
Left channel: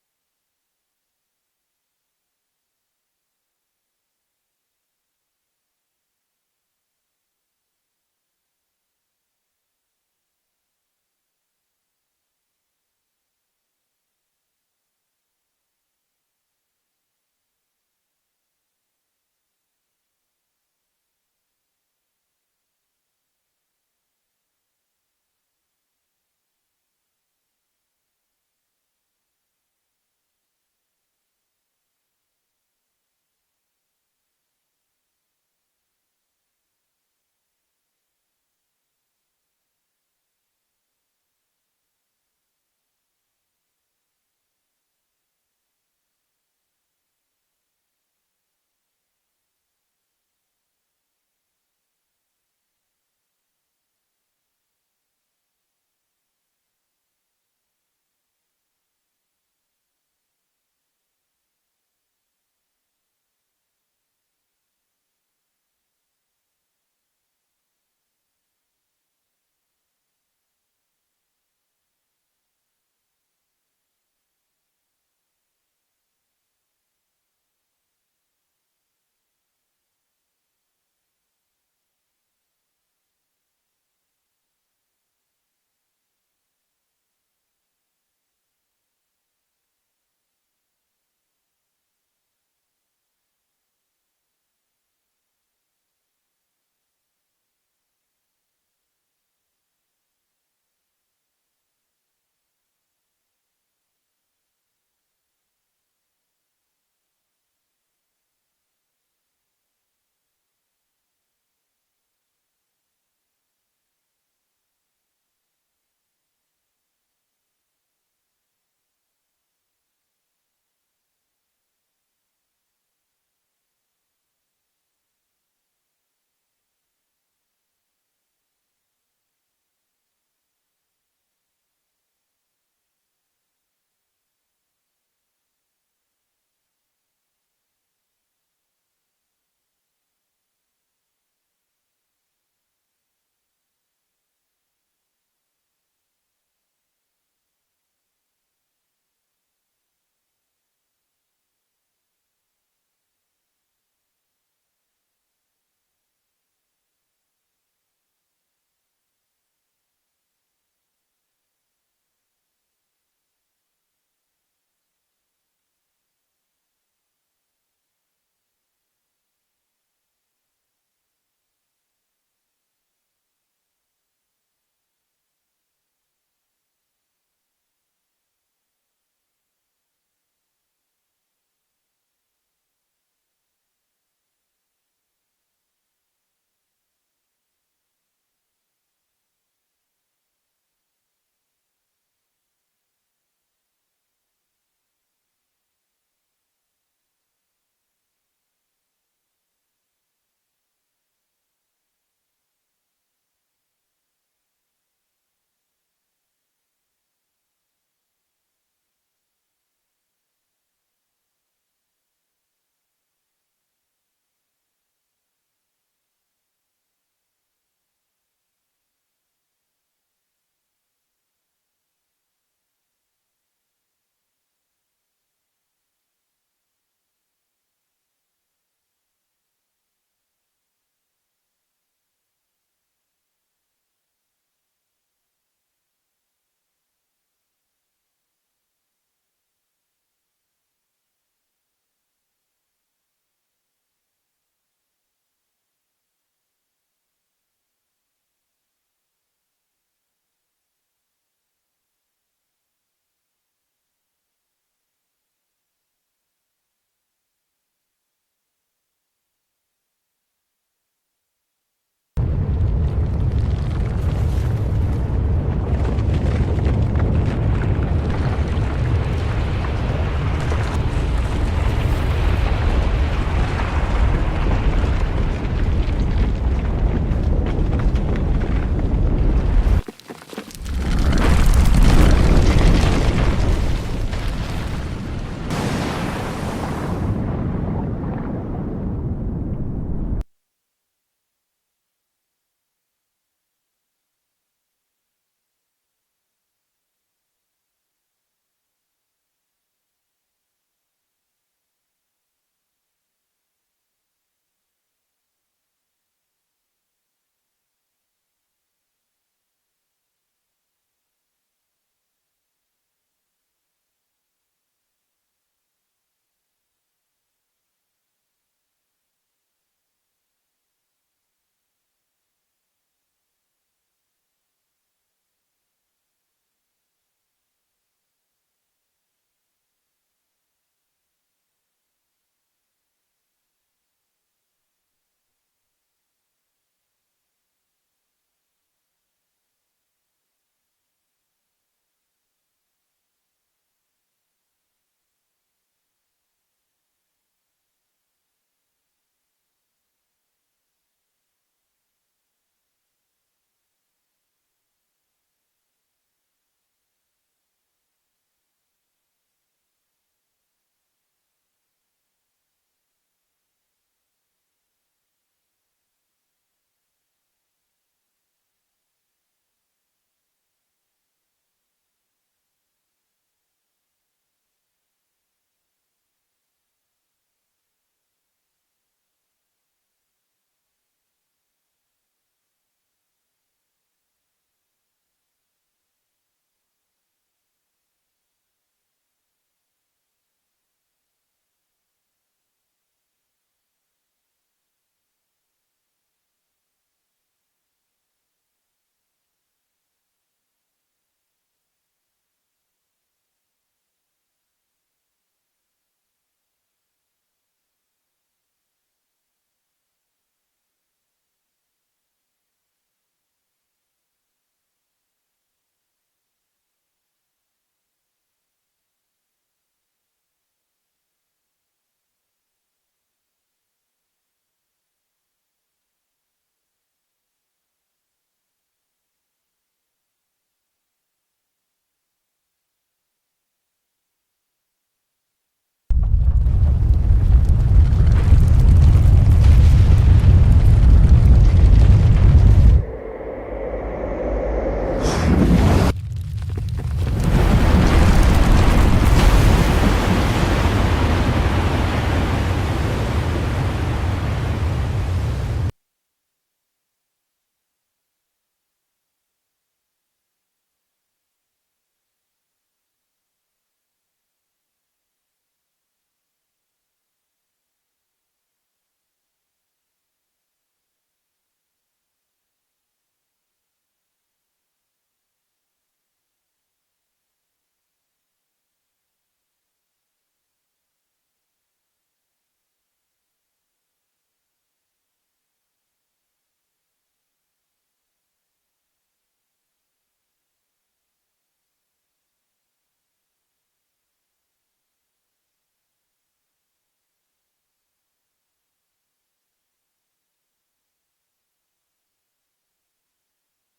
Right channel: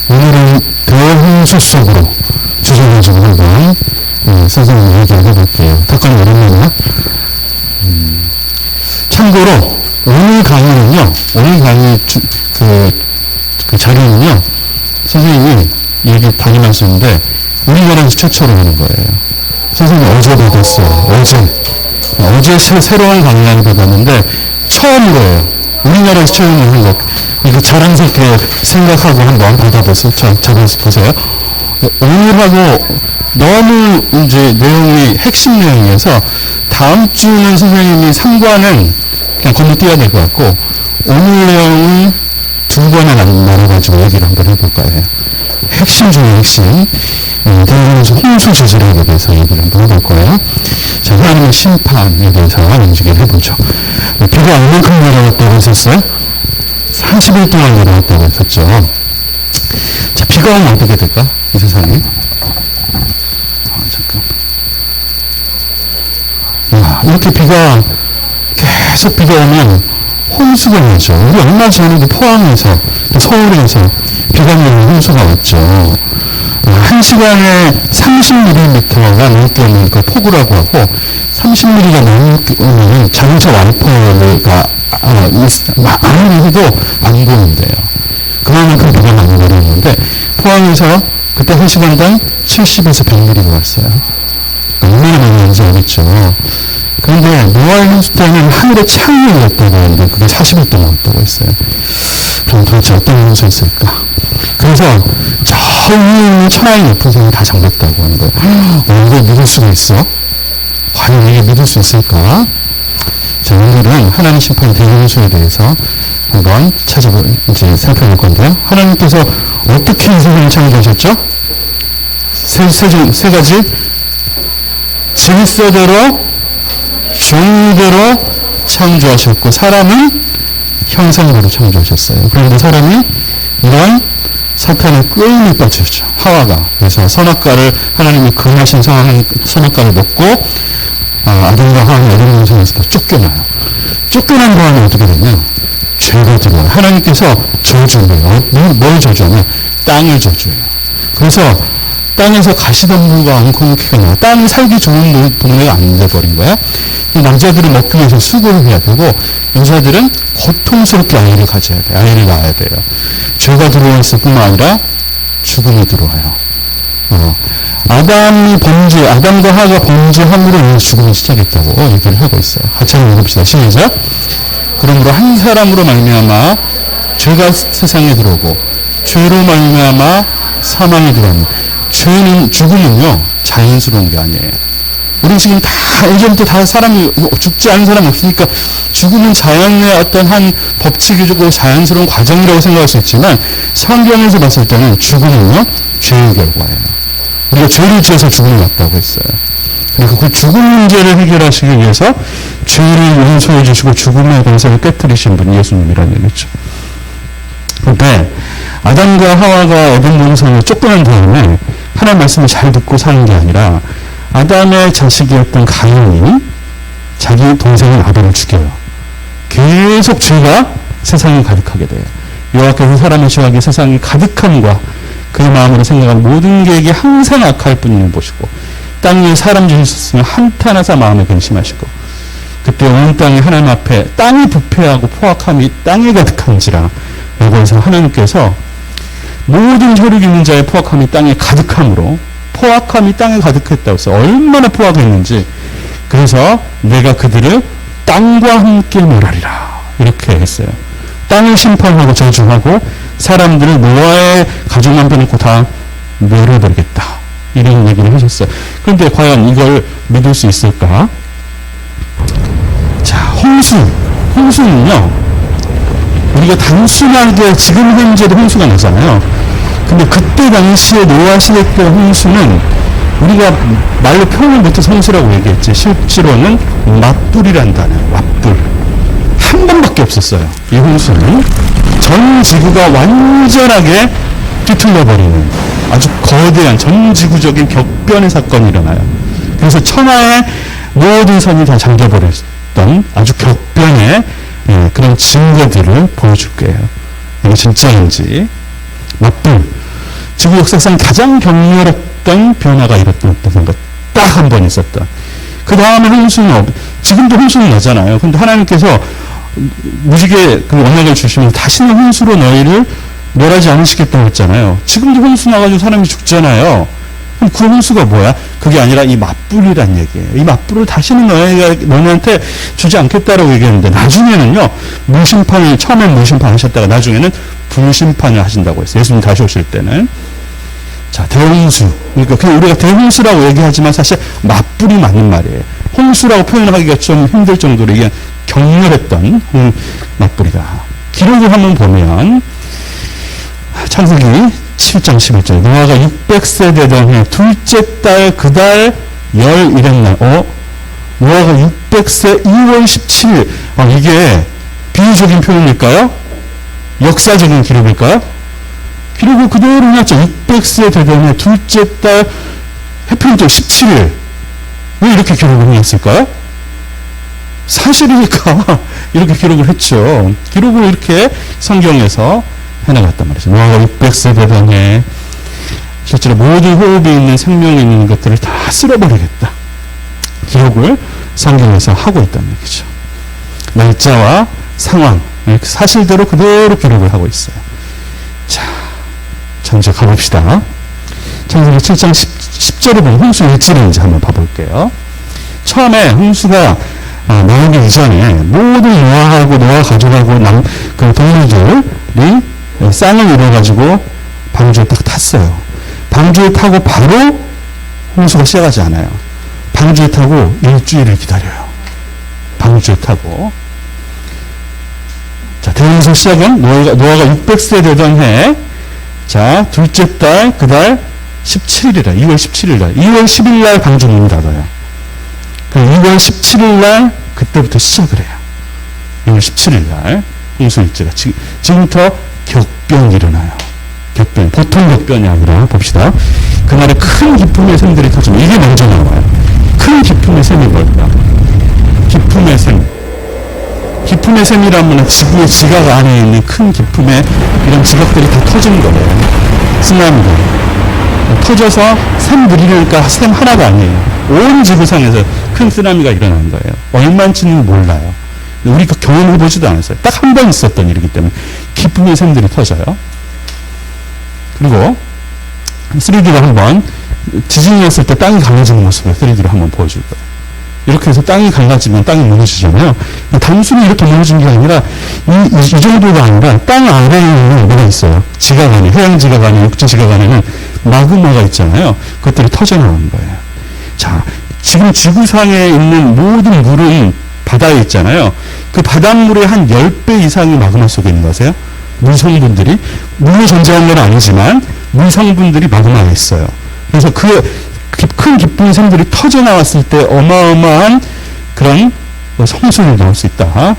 오늘은 대홍수 속으로 주제를 가지고 한번 선생님 얘기를 해볼게요. 덕분에 오랜만이야. 참고로 오늘 강의는요, 오늘 강의 그 자료는요, 선생님이 얘기 다니면서인데 우리나라에서 최초로 하는 거예요. 선생님 어제 받았어요. 어제 새로운 강의를 받았는데 처음이에요. 우리나라에서 처음 하는 거. 이거 자랑스럽게 생각하고 한번 받아보세요. 잡아보세요. 오늘하고 너무 이제 내용이 핵심 내용이어서 다음 주는 선생님이 3관은 그냥 건너뛰어야 될 것 같고 오늘 내용은 2번에 나눠가지고 얘기를 한번 해볼 거예요. 핵심 중에 핵심. 대부분에서 홍수 지질학에 대해서 얘기를 한번 해볼 거예요. 자, 하나님의 심판에 대해서 얘기를 해보죠. 비가 얼만큼 내려왔다고 했었어요? 30일 동안 내려왔다고 했었죠. 자, 비가 오면 어떻게 될까? 이 세상에. 잠깐. 이렇게 비가 계속 비가 오면 홍수가 나죠. 우리 얼마 전에도 포항에서, 서울에서 비가 내리는 홍수가 왔죠. 1시간에 30mm가 넘게 오는 그 폭우라고 하고, 30mm가 넘게 오면 자동차 와이퍼가 아무리 해도 안 보는데요. 그만큼 비가 많이 내리는데, 포항에서 그때 1시간당 70에서 100mm가 왔어요. 얼마나 많이 오는지 알겠죠. 그런데 노아의 홍수 때는 하늘에 창이 열렸다고 하는데 그게 40일 동안 왔다고 했어요. 그럼 도대체 어떤 홍수였을까? 그래서 저 위에 있는 천하의 높은 산이 다 잠겼다고 하는 거예요. 이걸 믿을 수가 있어? 과연 이게 믿을 수 있을까? 자, 오늘은 하나님 심판 대홍수에 대해서 한번 살펴볼 건데요. 하나님께서 어떻게 이 세상을 창조하셨죠? 세 가지 질서대로 종류대로 창조하셨고 사람은 형상대로 창조하셨어요. 그런데 사람이 이런 사탄의 꾀임에 빠졌죠. 하와가. 그래서 선악과를 하나님이 금하신 선악과를 먹고 아담과 하와는 에덴 동산에서 쫓겨나요. 쫓겨난 다음에 어떻게 되냐? 죄가 들어와요. 하나님께서 저주해요. 뭘 저주하냐? 땅을 저주해요. 그래서 땅에서 가시덤불과 앙코노키가 나와. 땅이 살기 좋은 동네가 안 돼버린 거야. 남자들은 먹기 위해서 수고를 해야 되고 여자들은 고통스럽게 아이를 가져야 돼. 아이를 낳아야 돼요. 죄가 들어왔을 뿐만 아니라 죽음이 들어와요. 아담과 하와가 범죄함으로 죽음이 시작했다고 얘기를 하고 있어요. 같이 한번 읽어봅시다. 시작. 그러므로 한 사람으로 말미암아 죄가 세상에 들어오고 죄로 말미암아 사망이 들어옵니다. 죽음은요 자연스러운 게 아니에요. 우리 지금 다 예전부터 다 사람이 죽지 않은 사람이 없으니까 죽음은 자연의 어떤 한 법칙이고 자연스러운 과정이라고 생각할 수 있지만 성경에서 봤을 때는 죽음은요 죄의 결과예요. 우리가 죄를 지어서 죽음이 왔다고 했어요. 그러니까 그 죽음 문제를 해결하시기 위해서 죄를 용서해 주시고 죽음의 권세를 깨뜨리신 분이 예수님이라는 얘기죠. 그런데 아담과 하와가 에덴 동산을 쫓겨난 다음에 하나님 말씀을 잘 듣고 사는 게 아니라 아담의 자식이었던 가인이 자기 동생인 아벨을 죽여요. 계속 죄가 세상에 가득하게 돼요. 여호와께서 사람의 죄악이 세상에 가득함과 그의 마음으로 생각하는 모든 계획이 항상 악할 뿐임을 보시고 땅 위에 사람 지으셨으면 한탄하사 마음에 근심하시고 그때 온 땅이 하나님 앞에 땅이 부패하고 포악함이 땅에 가득한지라 라고 해서 하나님께서 모든 혈육 있는 자의 포악함이 땅에 가득함으로 포악함이 땅에 가득했다고 해서 얼마나 포악했는지 그래서 내가 그들을 땅과 함께 멸하리라 이렇게 했어요. 땅을 심판하고 저주하고 사람들을 노아의 가족만 빼놓고 다 멸해버리겠다 이런 얘기를 하셨어요. 그런데 과연 이걸 믿을 수 있을까? 자, 홍수는요 우리가 단순하게 지금 현재도 홍수가 나잖아요. 근데 그때 당시에 노아 시대 때 홍수는 우리가 말로 표현을 못해서 홍수라고 얘기했지 실제로는 맞불이란 단어, 맞불 한 번밖에 없었어요. 이 홍수는 전 지구가 완전하게 뒤틀려버리는 아주 거대한 전 지구적인 격변의 사건이 일어나요. 그래서 천하의 모든 선이 다 잠겨버렸던 아주 격변의 그런 증거들을 보여줄 거예요. 이게 진짜인지. 맞불. 지구 역사상 가장 격렬했던 변화가 일어났던 것. 딱 한 번 있었던. 그 다음에 홍수는 지금도 홍수는 나잖아요. 근데 하나님께서 무지개 그 언약을 주시면 다시는 홍수로 너희를 멸하지 않으시겠다고 했잖아요. 지금도 홍수 나가지고 사람이 죽잖아요. 그럼 그 홍수가 뭐야? 그게 아니라 이 맞불이란 얘기예요. 이 맞불을 다시는 너네한테 주지 않겠다라고 얘기했는데 나중에는요. 처음엔 무심판 하셨다가 나중에는 불심판을 하신다고 했어요. 예수님 다시 오실 때는. 자, 대홍수. 그러니까 그냥 우리가 대홍수라고 얘기하지만 사실 맞불이 맞는 말이에요. 홍수라고 표현하기가 좀 힘들 정도로 이게 격렬했던 맞불이다. 기록을 한번 보면 창세기 7장 11절. 노아가 600세 되던 해 둘째 달 그달 열 일했날. 노아가 600세 2월 17일. 이게 비유적인 표현일까요? 역사적인 기록일까요? 기록을 그대로 해놨죠. 600세 되던 해 둘째 달 해평절 17일. 왜 이렇게 기록을 해놨을까요? 사실이니까 이렇게 기록을 했죠. 기록을 이렇게 성경에서 해나갔단 말이죠. 노아가 600세 되던 해 실제로 모든 호흡이 있는 생명이 있는 것들을 다 쓸어버리겠다. 기록을 성경에서 하고 있다는 얘기죠. 날짜와 상황, 사실대로 그대로 기록을 하고 있어요. 자, 이제 가봅시다. 창세기 7장 10절에 보면 홍수 일지를 이제 한번 봐볼게요. 처음에 홍수가 나오기 이전에 모든 노아하고 노아 가족하고 그 동물들이 쌍을 이뤄가지고 방주에 딱 탔어요. 방주에 타고 바로 홍수가 시작하지 않아요. 방주에 타고 일주일을 기다려요. 방주에 타고. 자, 대홍수 시작은 노아가 600세 되던 해, 자, 둘째 달, 그달 17일이라, 2월 17일날, 2월 10일날 방주 문을 닫아요. 그 2월 17일날, 그때부터 시작을 해요. 2월 17일날, 홍수일제가. 지금부터 격변이 일어나요. 격변. 보통 격변이 아니라, 봅시다. 그날에 큰 기쁨의 샘들이 터지면, 이게 먼저 나와요. 큰 기쁨의 샘이 뭘까? 기쁨의 샘. 기쁨의 샘이라면 지구의 지각 안에 있는 큰 기쁨의 이런 지각들이 다 터지는 거예요. 쓰나미가. 터져서 샘 들이려니까 샘 하나가 아니에요. 온 지구상에서 큰 쓰나미가 일어나는 거예요. 얼마인지는 몰라요. 우리가 경험해보지도 않았어요. 딱 한 번 있었던 일이기 때문에 기쁨의 샘들이 터져요. 그리고 3D로 한번 지진이 났을 때 땅이 갈라지는 모습을 3D로 한번 보여줄 거예요. 이렇게 해서 땅이 갈라지면 땅이 무너지잖아요. 단순히 이렇게 무너진 게 아니라 이 정도가 아니라 땅 아래에는 뭐가 있어요. 지각 안에, 해양 지각 안에, 육지 지각 안에는 마그마가 있잖아요. 그것들이 터져나오는 거예요. 자, 지금 지구상에 있는 모든 물은 바다에 있잖아요. 그 바닷물의 한 10배 이상이 마그마 속에 있는 거 아세요? 물성분들이. 물로 존재하는 건 아니지만 물성분들이 마그마에 있어요. 그래서 큰 기쁜 샘들이 터져 나왔을 때 어마어마한 그런 성수를 나올 수 있다.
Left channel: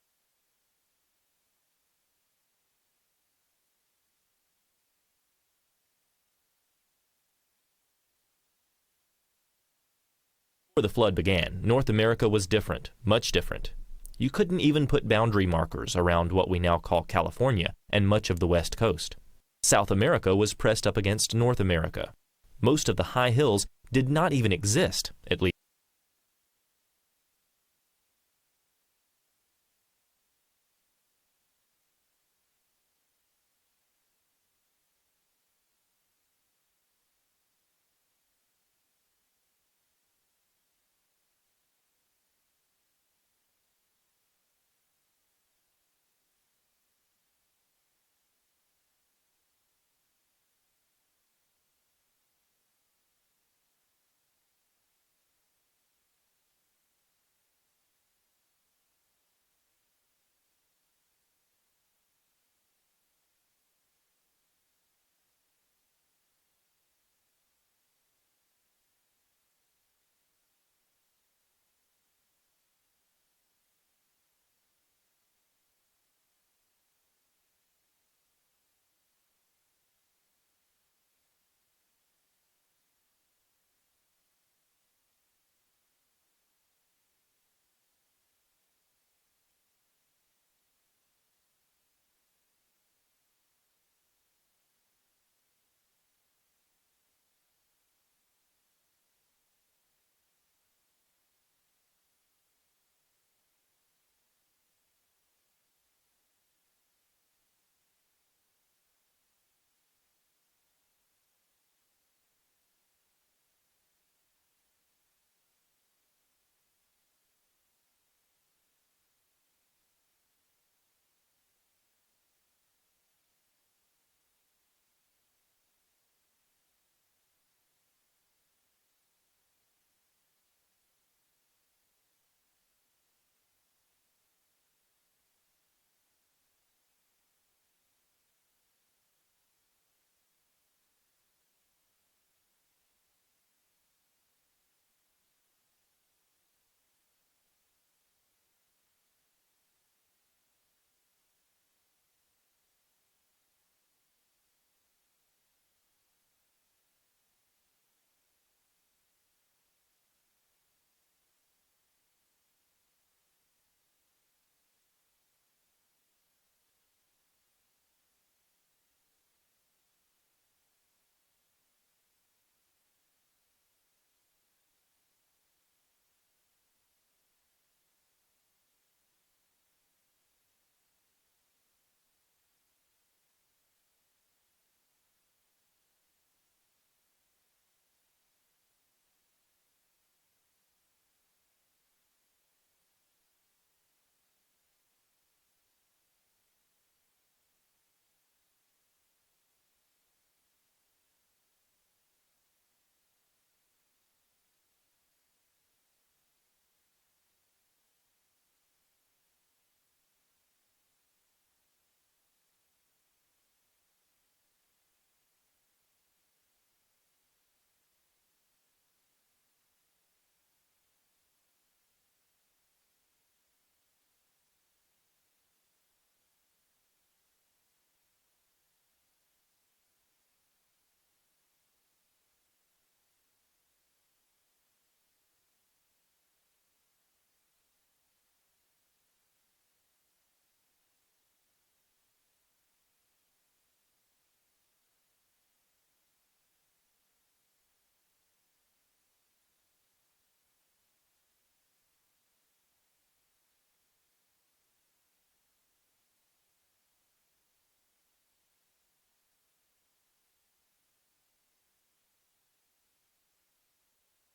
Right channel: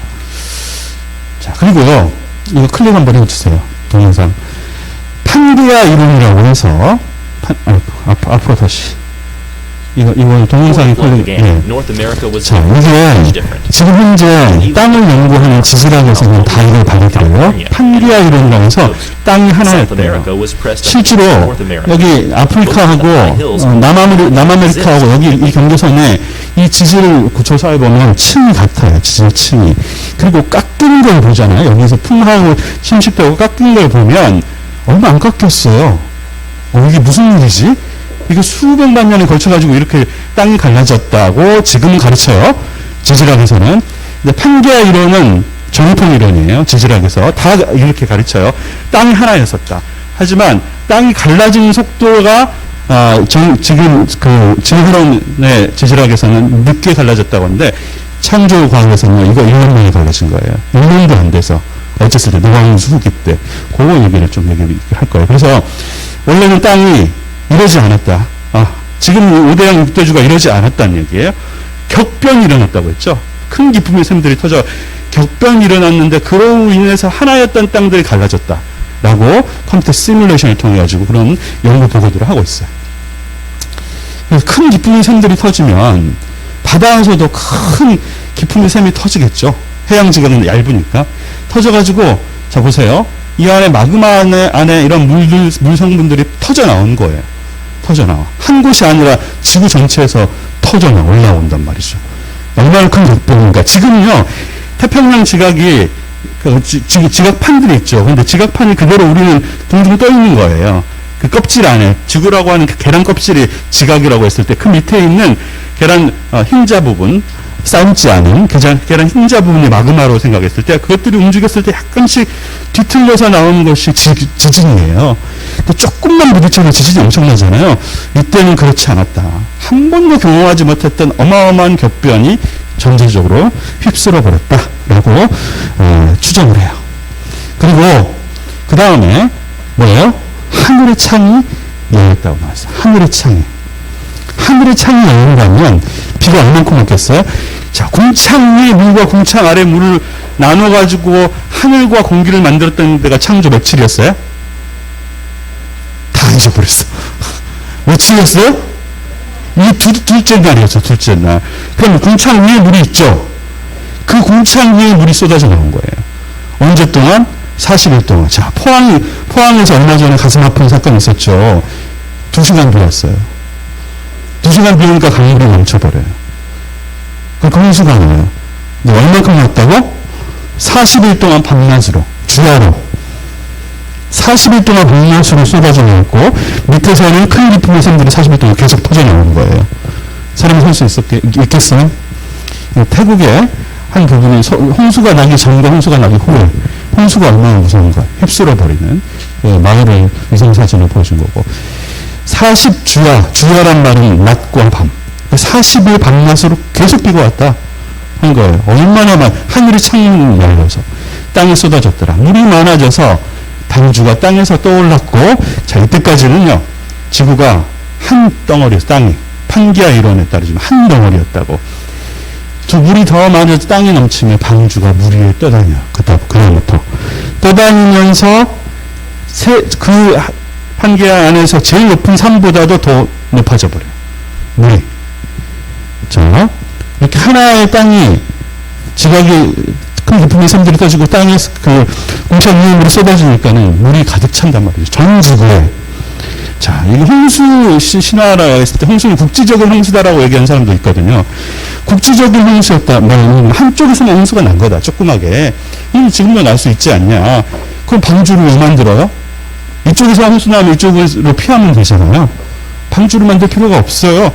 자, 그리고요, 이거 클릭 한번 해주세요. 동영상. 판게아 이론이라고 해서, 앞으로 다시. 이거 동영상이 클릭, 예. 자, 이게 지금 현재 땅을 연구하는 지질학에서는 다 이걸 받아들여요. 판게아 이론이라고 해서 땅이 하나였대요. 실제로 여기 아프리카하고 남아메리카하고 여기 이 경계선에 이 지질 조사해 보면 층이 같아요. 지질 층이. 그리고 깎이는 걸 보잖아요. 여기서 풍하고 침식되고 깎이는 걸 보면 얼마 안 깎였어요. 이게 무슨 일이지? 이거 수백만 년에 걸쳐가지고 이렇게 땅이 갈라졌다고 지금 가르쳐요. 지질학에서는. 근데 판게아 이론은 정통 이론이에요. 지질학에서. 다 이렇게 가르쳐요. 땅이 하나였었다. 하지만 땅이 갈라지는 속도가 지금 지구론의 지질학에서는 늦게 갈라졌다고 하는데 창조과학에서는 이거 1년 만에 갈라진 거예요. 1년도 안 돼서. 어쨌을 때 노광수 후기 때. 그거 얘기를 좀 얘기할 거예요. 그래서 원래는 땅이 이러지 않았다. 지금 5대양 6대주가 이러지 않았다는 얘기예요. 격변이 일어났다고 했죠. 큰 기쁨의 샘들이 터져 격변이 일어났는데 그로 인해서 하나였던 땅들이 갈라졌다. 라고 컴퓨터 시뮬레이션을 통해 가지고 그런 연구 보고들을 하고 있어요. 그래서 큰 기쁨의 샘들이 터지면 바다에서도 큰 기쁨의 샘이 터지겠죠. 해양 지각은 얇으니까. 터져가지고 자 보세요. 이 안에 마그마 안에 이런 물 성분들이 터져 나온 거예요. 터져 나와. 한 곳이 아니라 지구 전체에서 터져 올라온단 말이죠. 얼마나 큰 격변인가. 지금요, 태평양 지각이, 지각판들이 있죠. 근데 지각판이 그대로 우리는 둥둥 떠 있는 거예요. 그 껍질 안에, 지구라고 하는 그 계란 껍질이 지각이라고 했을 때 그 밑에 있는 계란 흰자 부분, 삶지 않은 계란 흰자 부분이 마그마로 생각했을 때 그것들이 움직였을 때 약간씩 뒤틀려서 나오는 것이 지진이에요. 또 조금만 부딪혀도 지진이 엄청나잖아요. 이때는 그렇지 않았다. 한 번도 경험하지 못했던 어마어마한 격변이 전체적으로 휩쓸어 버렸다라고 추정을 해요. 그리고 그 다음에 뭐예요? 하늘의 창이 열렸다고 나왔어요. 하늘의 창이. 하늘의 창이 열린다면 비가 얼만큼 왔겠어요? 자, 궁창 위에 물과 궁창 아래 물을 나눠가지고 하늘과 공기를 만들었던 데가 창조 며칠이었어요? 다 잊어버렸어. 며칠이었어요? 이 둘째 날이었죠, 둘째 날. 그럼 궁창 위에 물이 있죠? 그 궁창 위에 물이 쏟아져 나온 거예요. 언제 동안? 40일 동안. 자, 포항에서 얼마 전에 가슴 아픈 사건이 있었죠. 2시간 비 왔어요. 2시간 비 오니까 강물이 넘쳐버려요. 그 홍수가 나요. 근데 얼만큼 왔다고? 40일 동안 밤낮으로, 주야로. 40일 동안 밤낮으로 쏟아져 나왔고, 밑에서는 큰 기품의 샘들이 40일 동안 계속 터져 나오는 거예요. 사람이 살 수 있겠어요? 태국의 한 부분이 홍수가 나기 전과 홍수가 나기 후에 홍수가 얼마나 무서운가 휩쓸어버리는 마을의 위성사진을 보여준 거고 40주야란 말은 낮과 밤 40일 밤낮으로 계속 비가 왔다 한 거예요. 얼마나 하늘이 창문을 열려서 땅에 쏟아졌더라. 물이 많아져서 방주가 땅에서 떠올랐고 자 이때까지는요 지구가 한 덩어리였어. 땅이 판기아 이론에 따르지만 한 덩어리였다고. 저 물이 더 많아서 땅이 넘치면 방주가 물 위에 떠다녀. 그다음부터 떠다니면서 그 판기아 안에서 제일 높은 산보다도 더 높아져 버려요. 물이. 자, 이렇게 하나의 땅이 지각이 큰 깊은 산들이 떠지고 땅에서 그 공차 위에 물이 쏟아지니까는 물이 가득 찬단 말이죠. 전 지구에. 자, 이게 홍수 신화라 했을 때 홍수는 국지적인 홍수다라고 얘기하는 사람도 있거든요. 국지적인 홍수였다 말하면 한쪽에서만 홍수가 난 거다. 조그맣게. 지금도 날 수 있지 않냐. 그럼 방주를 왜 만들어요? 이쪽에서 홍수 나면 이쪽으로 피하면 되잖아요. 방주를 만들 필요가 없어요.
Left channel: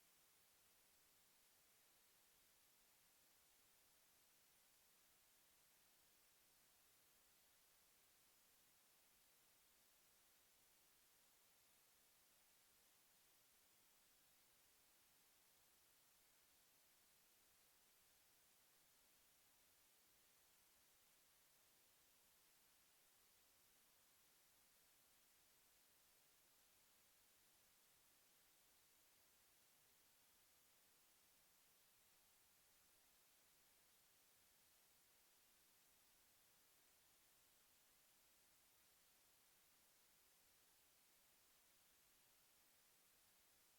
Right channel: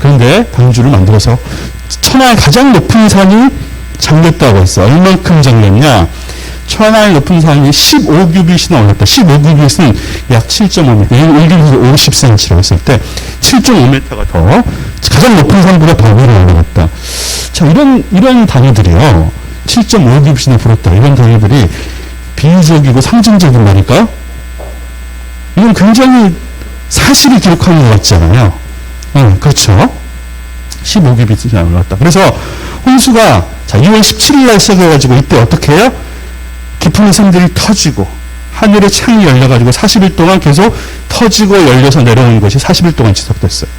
그런데 방주를 만들어서 천하의 가장 높은 산이 잠겼다고 했어. 얼만큼 잠겼냐? 천하의 높은 산이 15규빗이나 올랐다. 15규빗은 약 7.5m. 1규빗이 50cm라고 했을 때 7.5m가 더 가장 높은 산보다 더 위로 올라갔다. 자, 이런 단위들이요. 7.5규빗이나 불었다. 이런 단위들이 비유적이고 상징적인 말일까요? 이건 굉장히 사실을 기록하는 것 같잖아요. 그렇죠. 15규빗이나 올랐다. 그래서 홍수가 자 2월 17일 날 시작해가지고 이때 어떻게 해요? 깊은 샘들이 터지고 하늘의 창이 열려가지고 40일 동안 계속 터지고 열려서 내려오는 것이 40일 동안 지속됐어요.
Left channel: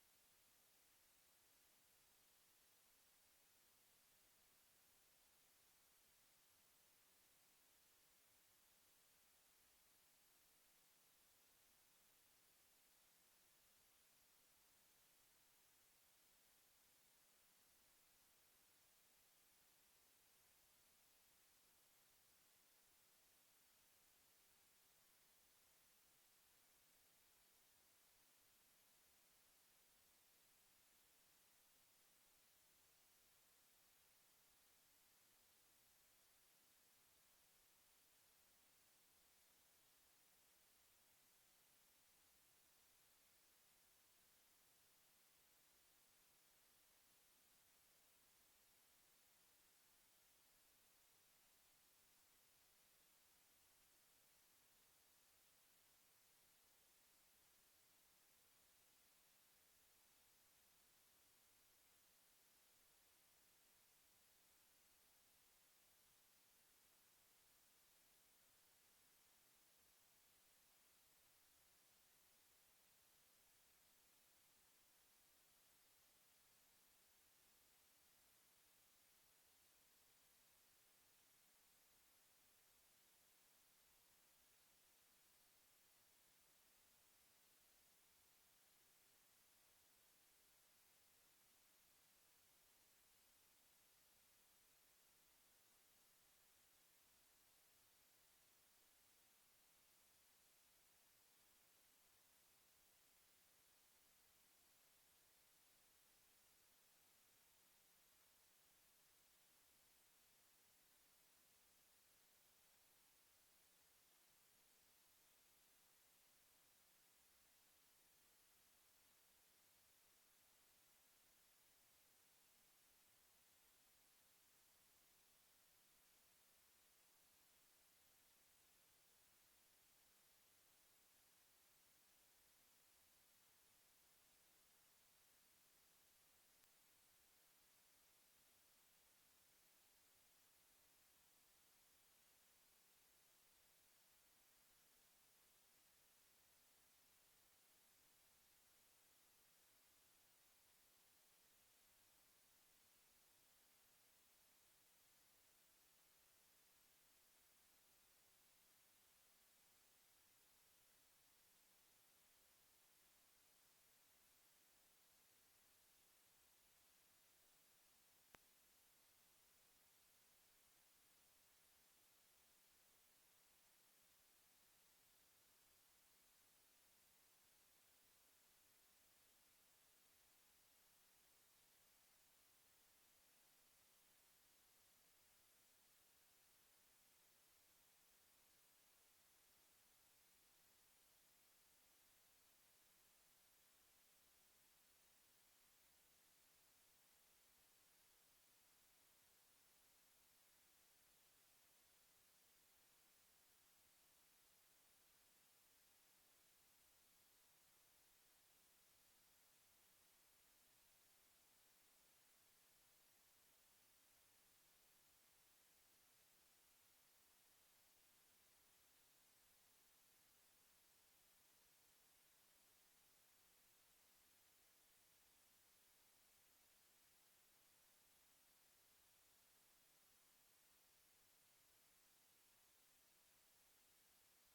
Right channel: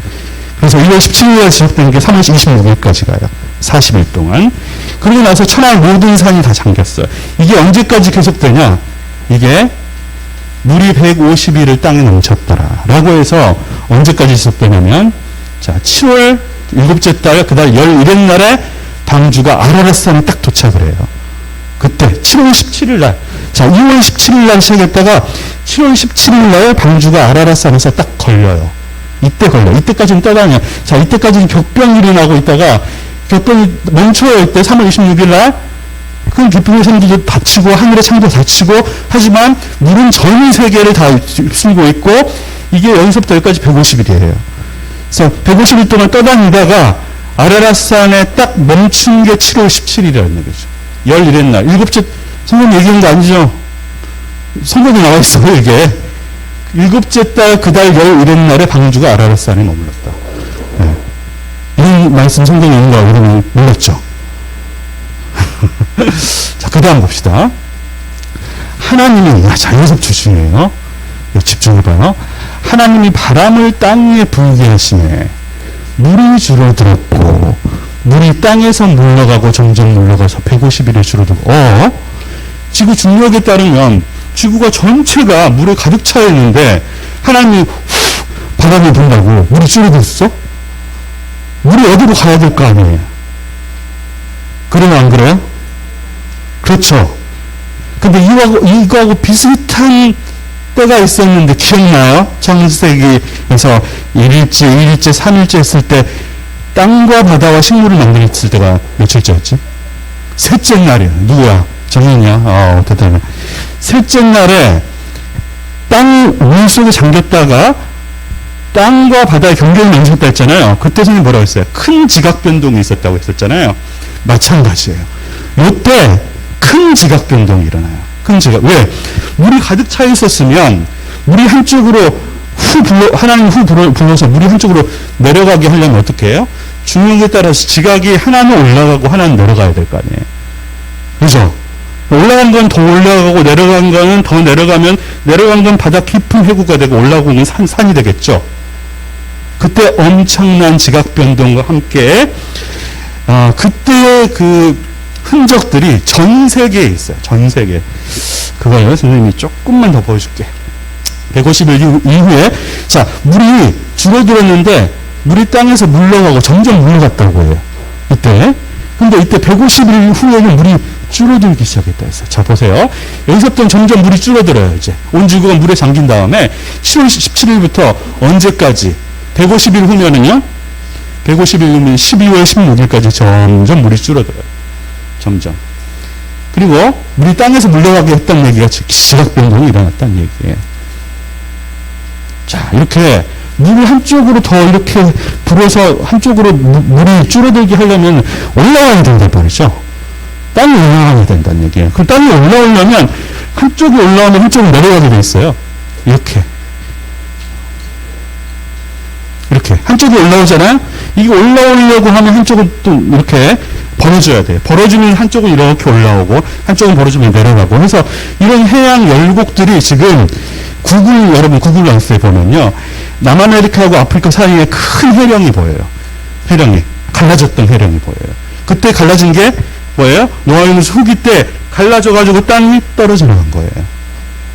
그래서 2월 17일 날 시작된 게 3월 26일까지 가요. 40일 동안. 그러고 나서 천하의 모든 산이 다 잠겼어요. 이게 언제까지 계속되냐? 이게 물이 150일을 땅에 넘쳤더라. 라고 해서 언제까지 지속되냐면 자 7월 7째 달 그달 11일 날에 방주가 아라랏산에 딱 도착을 해요. 그때 7월 17일 날 자 2월 17일 날 시작했다가 7월 17일 날 방주가 아라랏산에서 딱 걸려요. 이때 걸려. 이때까지는 떠다녀. 자 이때까지는 격변이 일어나고 있다가 격변이 멈춰요. 이때 3월 26일 날 그 깊은 샘들도 닫히고 하늘의 창도 닫히고 하지만 물은 전 세계를 다 휩쓸고 있고 이게 여기서부터 여기까지 150일이에요. 그래서 150일 동안 떠다니다가 아라랏산에 딱 멈춘 게 7월 17일이라는 얘기죠. 11일 날. 7째, 성경 얘기한 거 아니죠? 성경에 나와 있어요, 이게. 7째 달, 그달 11일 날에 방주가 아라랏산에 머물렀다. 네. 이런 말씀 성경에 있는 거 여러분 몰랐죠? 자, 그 다음 봅시다. 하나님이, 자연석 출신이에요. 집중해봐요. 하나님이 바람을 땅 위에 불게 하시네. 물이 줄어들었고, 물이 땅에서 물러가고 점점 물러가서 150일에 줄어들고, 지구 중력에 따르면 지구가 전체가 물에 가득 차 있는데, 하나님이 바람이 분다고 물이 줄어들었어? 물이 어디로 가야 될 거 아니에요? 그러면 안 그래요? 그렇죠. 근데 이거하고 비슷한 때가 있었는데 기억나요? 창세기에서 1일째, 2일째, 3일째 했을 때 땅과 바다와 식물을 만들었을 때가 며칠째였지? 셋째 날이야. 누구야? 정인이야? 어쨌든 셋째 날에 땅 물속에 잠겼다가 땅과 바다의 경계를 만들었다 했잖아요. 그때 선생님 뭐라고 했어요? 큰 지각 변동이 있었다고 했었잖아요. 마찬가지예요. 이때 큰 지각 변동이 일어나요. 큰 지각. 왜? 물이 가득 차 있었으면 물이 한쪽으로 하나님 불러서 물이 한쪽으로 내려가게 하려면 어떻게 해요? 중력에 따라서 지각이 하나는 올라가고 하나는 내려가야 될 거 아니에요. 그죠? 올라간 건 더 올라가고 내려간 거는 더 내려가면 내려간 건 바다 깊은 해구가 되고 올라오는 산이 되겠죠. 그때 엄청난 지각 변동과 함께 그때의 그 흔적들이 전 세계에 있어요. 전 세계. 그거요. 선생님이 조금만 더 보여줄게. 150일 이후에 자 물이 줄어들었는데 물이 땅에서 물러가고 점점 물러갔다고 해요. 이때. 근데 이때 150일 후에는 물이 줄어들기 시작했다 했어요. 자 보세요. 여기서부터는 점점 물이 줄어들어요. 이제 온 지구가 물에 잠긴 다음에 7월 17일부터 언제까지 150일 후면은요. 150일 후면 12월 16일까지 점점 물이 줄어들어요. 점점. 그리고 물이 땅에서 물러가게 했다는 얘기가 지각 변동이 일어났다는 얘기예요. 자 이렇게 물을 한쪽으로 더 이렇게 불어서 한쪽으로 물이 줄어들게 하려면 올라와야 된단 말이죠. 땅이 올라가야 된다는 얘기예요. 그 땅이 올라오려면 한쪽이 올라오면 한쪽이 내려가게 돼 있어요. 이렇게 한쪽이 올라오잖아요. 이게 올라오려고 하면 한쪽은 또 이렇게 벌어줘야 돼요. 벌어주면 한쪽은 이렇게 올라오고 한쪽은 벌어주면 내려가고 해서 이런 해양 열곡들이 지금 여러분 구글 얼스에 보면요. 남아메리카하고 아프리카 사이에 큰 해령이 보여요. 해령이. 갈라졌던 해령이 보여요. 그때 갈라진 게 뭐예요? 노아유무스 후기 때 갈라져가지고 땅이 떨어져 나간 거예요.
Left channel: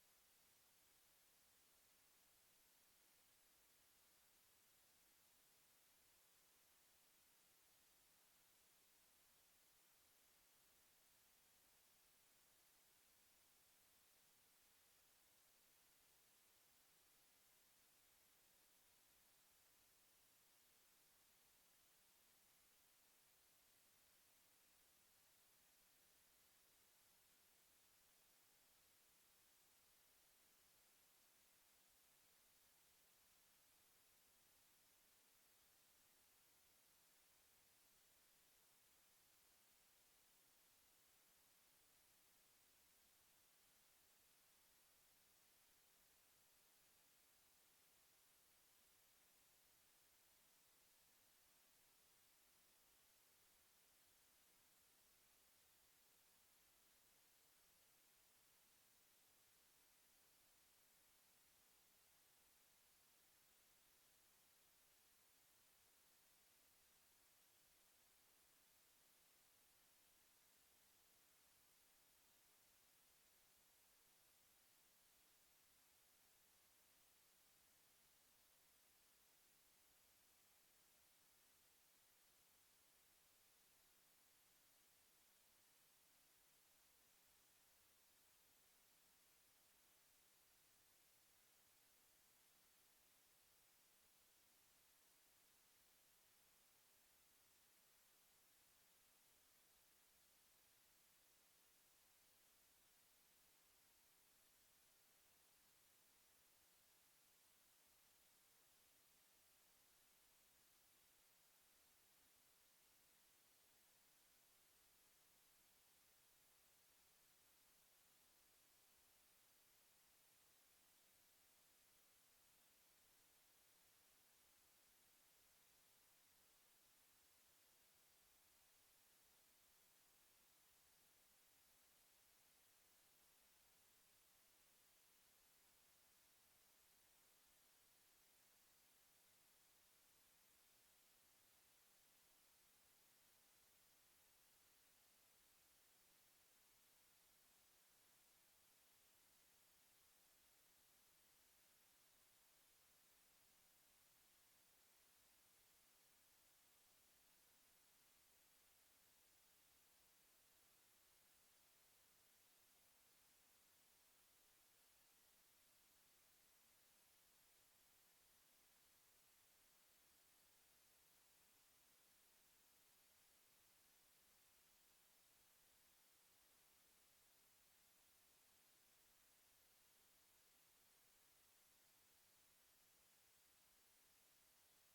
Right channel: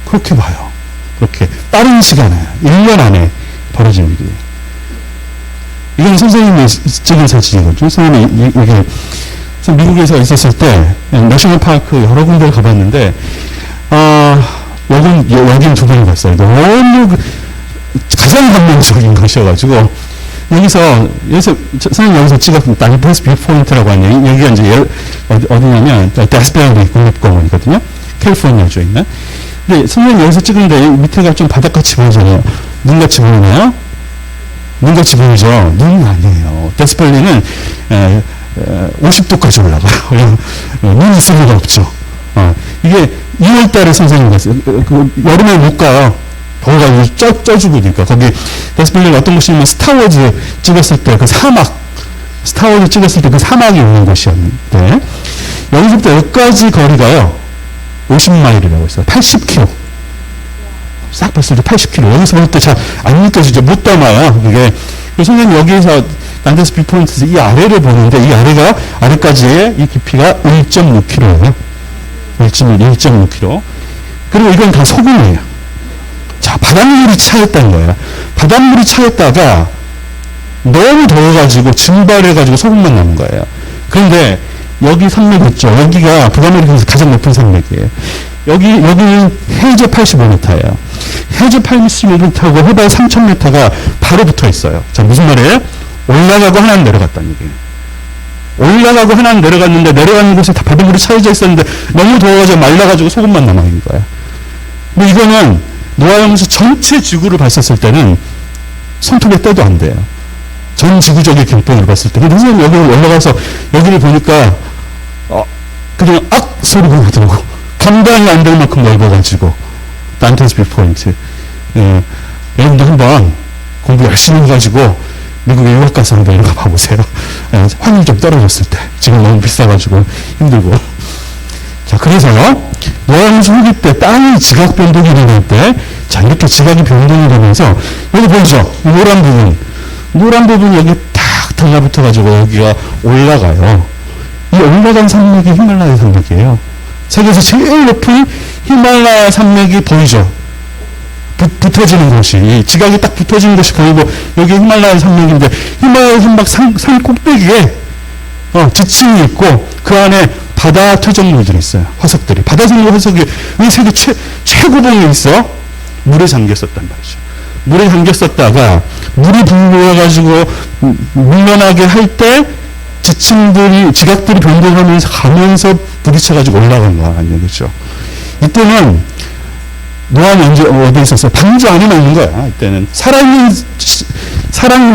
그렇게 봐요. 그렇게. 빠른 시간에, 1년 안에 벌어진 일이에요. 이건 선생님이 찍은 사진이거든요. 선생님이 이게 미국에서 있었을 때 내셔널 파크 여러 군데를 가봤는데 여긴 두 번 갔어요. 너무 가장 감동적인 것이어가지고 여기서 선생님 여기서 찍었던 나이버스 뷰 포인트라고 하는 여기가 이제 어디냐면 데스베리 국립공원이거든요. 캘리포니아주에 있는. 근데 선생님 여기서 찍은데 밑에가 좀 바닷같이 보이잖아요. 눈같이 보이나요? 눈같이 보이죠? 눈은 아니에요. 데스밸리는 50도까지 올라가요. 눈이 있을 리가 없죠. 이게 2월달에 선생님 갔어요. 여름에 못 가요. 더워가지고 쪄 죽으니까. 거기 데스밸리가 어떤 곳이냐면 스타워즈 찍었을 때 그 사막, 스타워즈 찍었을 때 그 사막이 있는 곳이었는데 여기서부터 여기까지 거리가요. 50마일이라고 했어요. 80km. 싹 봤을 때 80km. 여기서부터 잘 안 느껴지죠. 못 담아요. 이게. 선생님 여기에서 난데스 뷰 포인트에서 이 아래를 보는데 이 아래까지의 이 깊이가 1.6km예요. 1.6km. 그리고 이건 다 소금이에요. 자, 바닷물이 차였다는 거예요. 바닷물이 차였다가 너무 더워가지고 증발해가지고 소금만 나는 거예요. 그런데 여기 산맥 있죠. 여기가 북아메리카에서 가장 높은 산맥이에요. 여기는 해저 85m예요. 해저 85m하고 해발 3000m가 바로 붙어 있어요. 자, 무슨 말이에요? 올라가고 하나는 내려갔다는 얘기예요. 올라가고 하나는 내려갔는데 내려가는 곳에 다 바닷물이 차여져 있었는데 너무 더워가지고 말라가지고 소금만 남아있는 거예요. 근데 이거는 노아연구소 전체 지구를 봤었을 때는 손톱에 떼도 안 돼요. 전 지구적인 경법을 봤을 때. 근데 선생님 여기 올라가서 여기를 보니까 그냥 악 소리가 나더라고. 감당이 안 될 만큼 넓어가지고 난데스 뷰 포인트. 여러분도 한번 공부 열심히 해가지고 미국에 유학 가서 한번 이런 거 봐보세요. 환율 좀 떨어졌을 때. 지금 너무 비싸가지고 힘들고. 자, 그래서요, 노아연구소 후기 때 땅이 지각 변동이 일어날 때, 자, 이렇게 지각이 변동이 되면서, 여기 보이죠? 노란 부분 여기 탁 달라붙어가지고 여기가 올라가요. 이 올라간 산맥이 히말라야 산맥이에요. 세계에서 제일 높은 히말라야 산맥이 보이죠? 붙어지는 곳이, 지각이 딱 붙어지는 곳이 보이고, 여기 히말라야 산맥인데, 히말라야 산맥 산 꼭대기에, 지층이 있고, 그 안에 바다 퇴적물들이 있어요. 화석들이. 바다 생물 화석이 이 세계 최고봉에 있어. 물에 잠겼었단 말이죠. 물에 잠겼었다가, 물이 불러가지고, 밀려나게 할 때, 지각들이 변동하면서 가면서 부딪혀가지고 올라간 거라는 얘기죠. 이때는 노아는 언제 어디에 있었어요? 방주 안에만 있는 거야. 이때는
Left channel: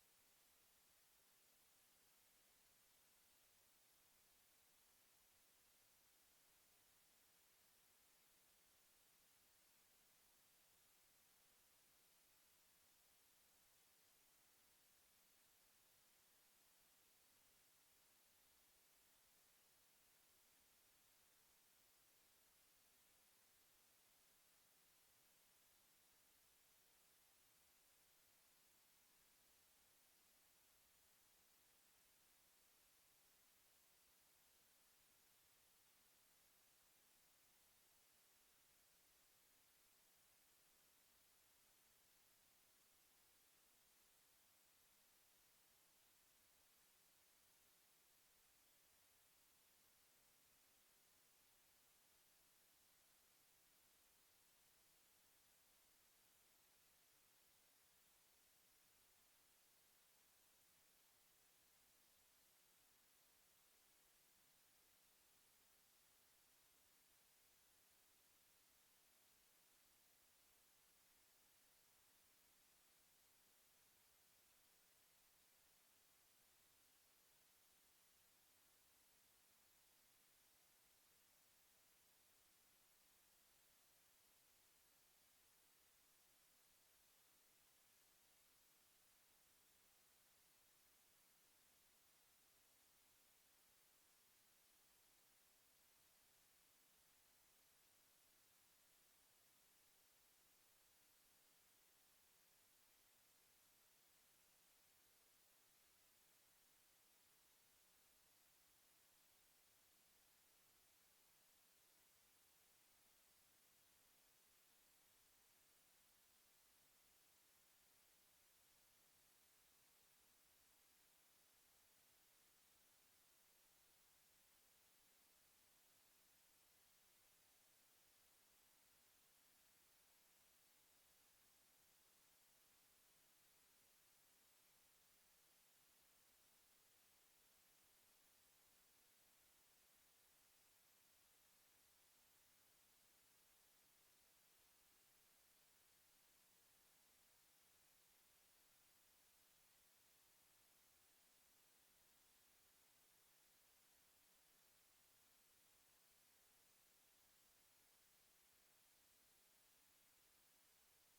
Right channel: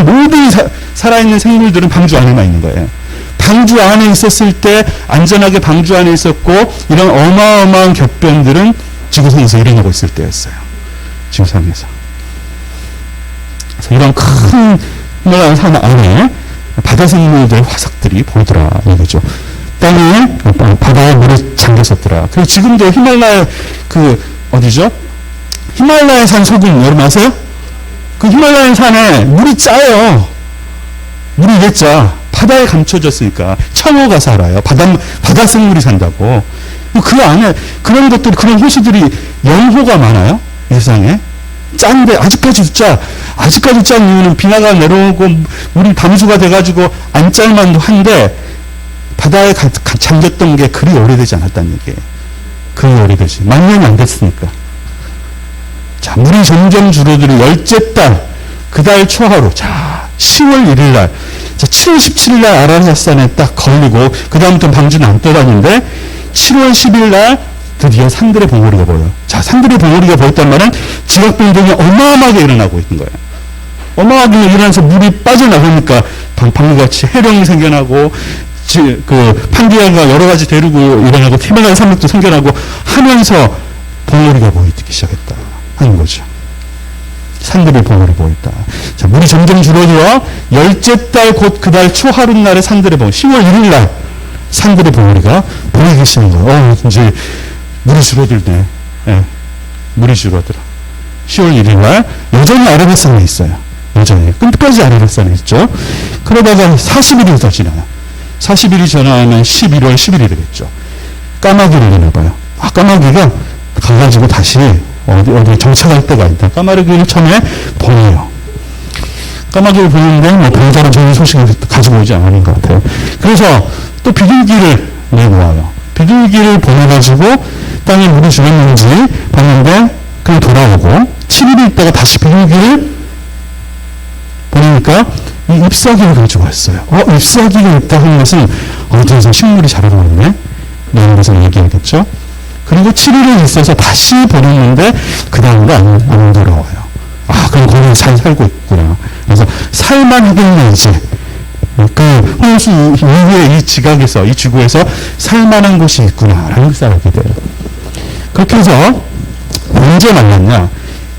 모든 살아있는 생물들은 방주 안에만 있는 거예요. 방주 안에 있었을 때 안전하게 방주 안에 있었고 이런 어마어마한 격변들은 지구상에서 일어나고 있을 때였어요. 지구상에서. 그래서 이런 큰 히말라야 산 안에 바다 생물들 화석들이 보이더라 이거죠. 땅에 바다에 물이 잠겼었더라. 그리고 지금도 히말라야 어디죠? 히말라야 산 소금 여러분 아세요? 그 히말라야 산에 물이 짜요. 물이 왜 짜? 바다에 감춰졌으니까 청어가 살아요. 바다 생물이 산다고. 그 안에 그런 것들이 그런 호수들이 영호가 많아요. 이 세상에. 짠데 아직까지도 짜. 아직까지 짠 이유는 비나가 내려오고 물이 담수가 돼가지고 안 짤만도 한데 바다에 잠겼던 게 그리 오래되지 않았다는 얘기예요. 그리 오래되지. 만 년이 안 됐으니까. 자, 물이 점점 줄어들어 열째 달, 그 달 초하루. 자, 10월 1일 날. 자, 7월 17일 날 아라사산에 딱 걸리고, 그 다음부터 방주는 안 떠다니는데, 7월 10일 날 드디어 산들의 봉우리가 보여요. 자, 산들의 봉우리가 보였단 말은 지각 변동이 어마어마하게 일어나고 있는 거예요. 어마어마하게 일어나서 물이 빠져나가니까 방금같이 해령이 생겨나고, 판기아가 여러 가지 대륙이 일어나고, 히말라야 산맥도 생겨나고 하면서 봉우리가 보이기 시작했다 하는 거죠. 산들의 봉우리 보였다. 자, 물이 점점 줄어들어 열째 달 곧 그 달 초하루 날에 산들의 봉우리, 10월 1일 날 산들의 봉우리가 보이기 시작한 거예요. 이제 물이 줄어들네. 예, 물이 줄어들어. 10월 1일 날 여전히 아라뱃산에 있어요. 여전히 끝까지 아라뱃산에 있죠. 그러다가 40일이 더 지나요. 40일이 지나면 11월 10일이 되겠죠. 까마귀를 내려봐요. 까마귀가 가가지고 다시 어디 정착할 때가 있다. 까마귀를 처음에 보내요. 까마귀를 보내는데 뭐 별다른 좋은 소식을 가지고 오지 않은 것 같아요. 그래서 또 비둘기를 내놓아요. 비둘기를 보내가지고 땅에 물이 줄었는지 봤는데 그냥 돌아오고 7일 있다가 다시 비둘기를 보내니까 이 잎사귀를 가지고 왔어요. 잎사귀가 있다 하는 것은 어디에서 식물이 자라고 있네? 라는 것을 얘기하겠죠. 그리고 7일을 있어서 다시 보냈는데 그 다음으로 안 돌아와요. 그럼 거기 잘 살고 있구나. 그래서 살만하겠네 이제. 그 홍수 이후에 이 지각에서 이 지구에서 살만한 곳이 있구나라는 것을 알게 돼요. 그렇게 해서 언제 만났냐?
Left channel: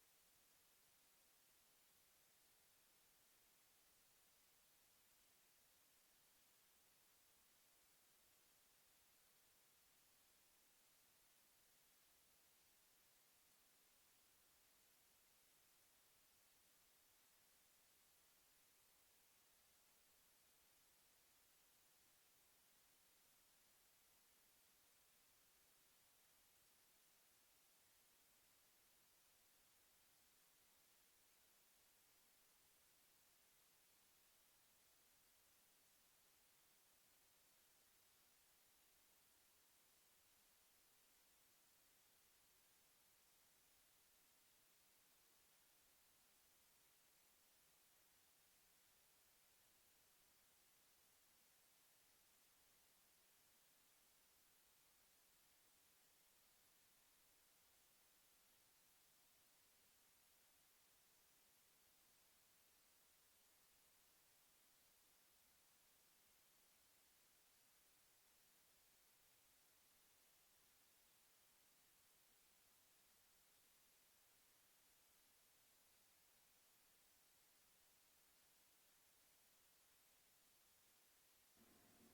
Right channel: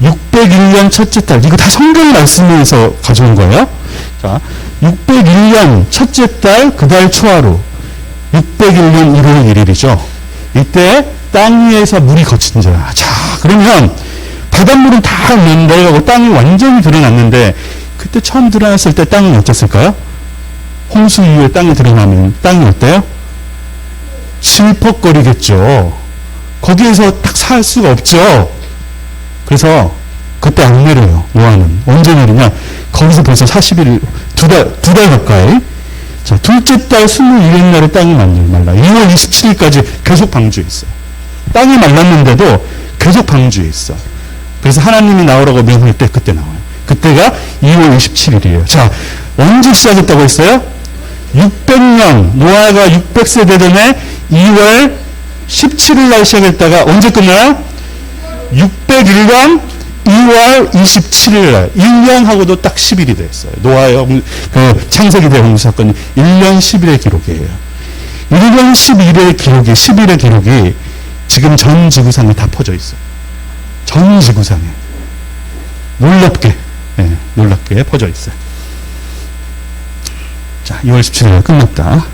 601년 첫째 달. 이거 다 성경 말씀에서 가져온 거예요. 자, 601년 첫째 달 그 달 초하루. 601년 1월 1일이죠. 이때 땅 위에서 물이 거친다. 자, 그러면 바닷물은 다 내려가고 땅이 완전히 드러났는데 그때 처음 드러났을 때 땅은 어땠을까요? 홍수 이후에 땅이 드러나면 땅이 어때요? 질퍽거리겠죠. 거기에서 딱 살 수가 없죠. 그래서 그때 안 내려요. 노아는. 언제 내리냐? 거기서 벌써 40일, 두 달 가까이. 자, 둘째 달 21일 날에 땅이 말라. 2월 27일까지 계속 방주에 있어요. 땅이 말랐는데도 계속 방주에 있어. 그래서 하나님이 나오라고 명할 때 그때 나와요. 그때가 2월 27일이에요. 자, 언제 시작했다고 했어요? 600년, 노아가 600세대 전에 2월 17일 날 시작했다가 언제 끝나요? 601년 2월 27일 날 1년하고도 딱 10일이 됐어요. 노아의 창세기 대홍수 사건이 1년 10일의 기록이에요. 1년 10일의 기록이 지금 전 지구상에 다 퍼져 있어요. 전 지구상에 놀랍게 퍼져 있어요. 자, 2월 17일 날 끝났다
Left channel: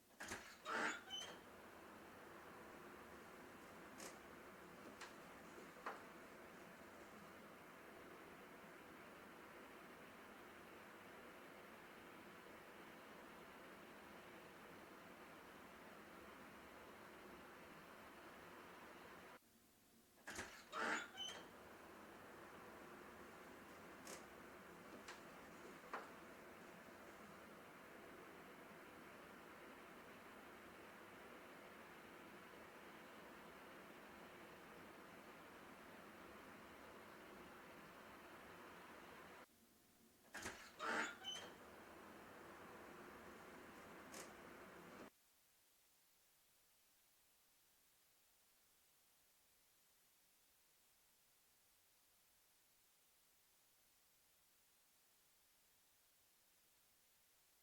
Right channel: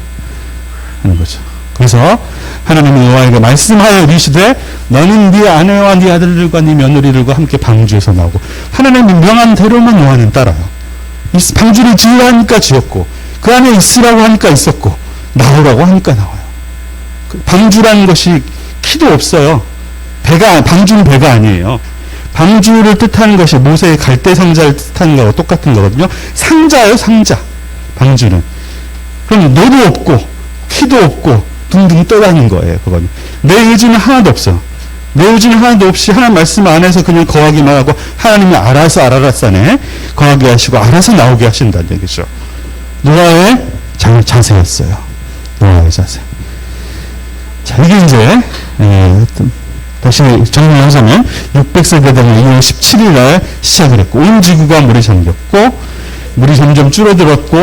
하는 거죠. 그래서 하나님이 노아에게 말씀하여 이르시되 너는 네 아내와 네 아들들과 네 며느리들과 함께 방주에서 나오고, 하나님이 명한 대로만 노아는 따라요. 방주를 지으라 하니까 지었고, 그 안에 있으라고 하니까 있었고, 나오라고 하니까 나와요. 방주라는 것이 키도 없어요. 방주는 배가 아니에요. 방주를 뜻하는 것이 모세의 갈대 상자를 뜻하는 거와 똑같은 거거든요. 상자예요, 상자. 방주는. 그럼 노도 없고 키도 없고 둥둥 떠다니는 거예요. 그거는. 내 의지는 하나도 없어. 내 의지는 하나도 없이 하나님 말씀 안에서 그냥 거하기만 하고 하나님이 알아서 아라뱃산에 거하게 하시고 알아서 나오게 하신다는 얘기죠. 노아의 자세였어요. 노아의 자세. 자, 이게 이제 다시 정리하자면 600세대 되는 2월 17일 날 시작을 했고, 온 지구가 물에 잠겼고 물이 점점 줄어들었고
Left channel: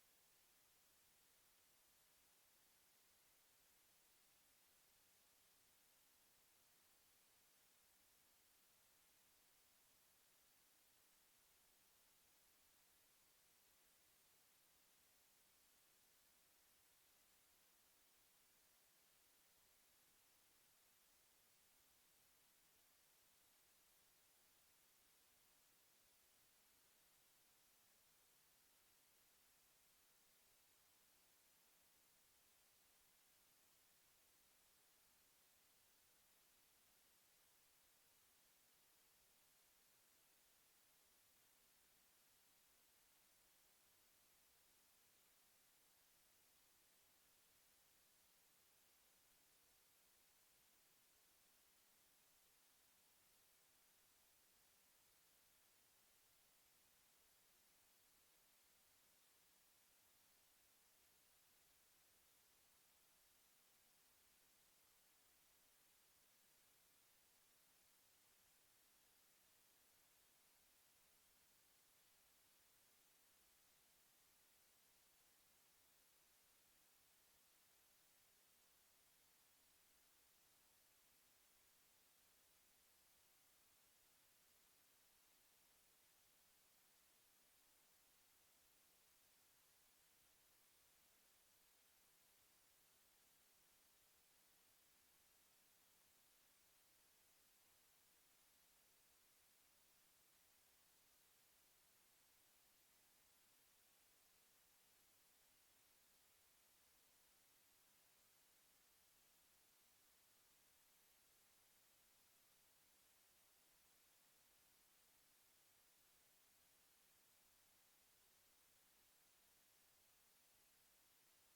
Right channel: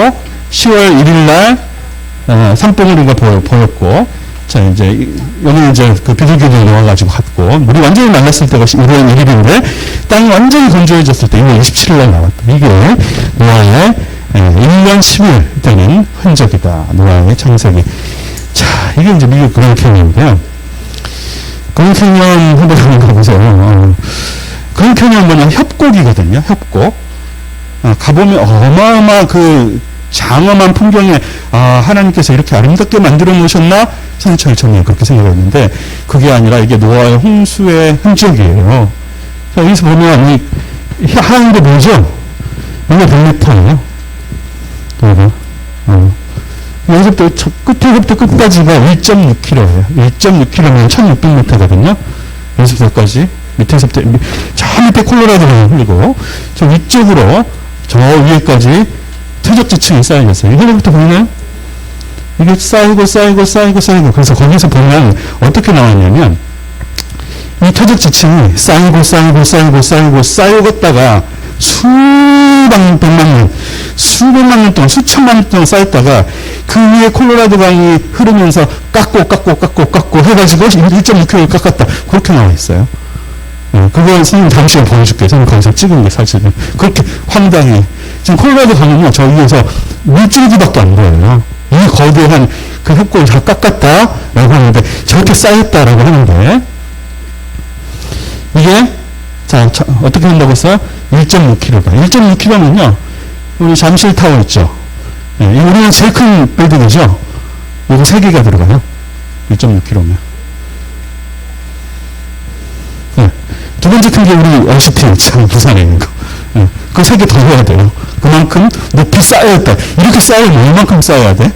10월 1일 날 산봉우리가 보였고, 자, 이제, 여기 이제 그 비둘기들이 나와가지고 갔고, 물이 완전히 말랐을 때가 1월 1일인데, 땅이 완전히 건조해졌을 때 1월 27일 날 나왔다. 이게 노아의 1년 10일 되는 흔적이다. 노아의 창세기. 자, 이게 이제 미국 그랜드 캐니언인데요. 그랜드 캐니언 한번 가보세요. 그랜드 캐니언 뭐냐, 협곡이거든요. 협곡. 가보면 어마어마 그 장엄한 풍경에 하나님께서 이렇게 아름답게 만들어 놓으셨나? 선처를 처음에 그렇게 생각했는데 그게 아니라 이게 노아의 홍수의 흔적이에요. 자, 여기서 보면 이 하얀 게 뭐죠? 이게 100m예요. 여기서부터 끝에서부터 끝까지가 1.6km예요. 1.6km면 1600m거든요. 여기서부터 여기까지 밑에서부터 저 밑에 콜로라도를 흘리고 저 위쪽으로 저 위에까지 퇴적지층이 쌓여있어요. 이거부터 보면 이게 쌓이고 그래서 거기서 보면 어떻게 나왔냐면 이 퇴적지층이 쌓이다가 수백만 년 동안 수천만 년 동안 쌓였다가 그 위에 콜로라도 강이 흐르면서 깎고 해가지고 1.6km를 깎았다. 그렇게 나와 있어요. 그거 선생님 다음 시간에 보여줄게요. 선생님 거기서 찍은 게 사실은. 그렇게 황당해. 지금 콜로라도 강은요, 저 위에서 물줄기밖에 안 보여요. 이 거대한 그 협곡을 다 깎았다라고 하는데, 저렇게 쌓였다라고 하는데, 이게, 자, 어떻게 한다고 했어요? 1.6km가. 1.6km면요, 우리 잠실타워 있죠? 네, 우리는 제일 큰 빌딩이죠? 이거 3개가 들어가요. 1.6km면. 네. 두 번째 큰 게 우리 LCT 있잖아요. 부산에 있는 거. 네. 그 3개 더 해야 돼요. 그만큼 높이 쌓여야 돼. 이렇게 쌓이면 얼만큼 쌓여야 돼?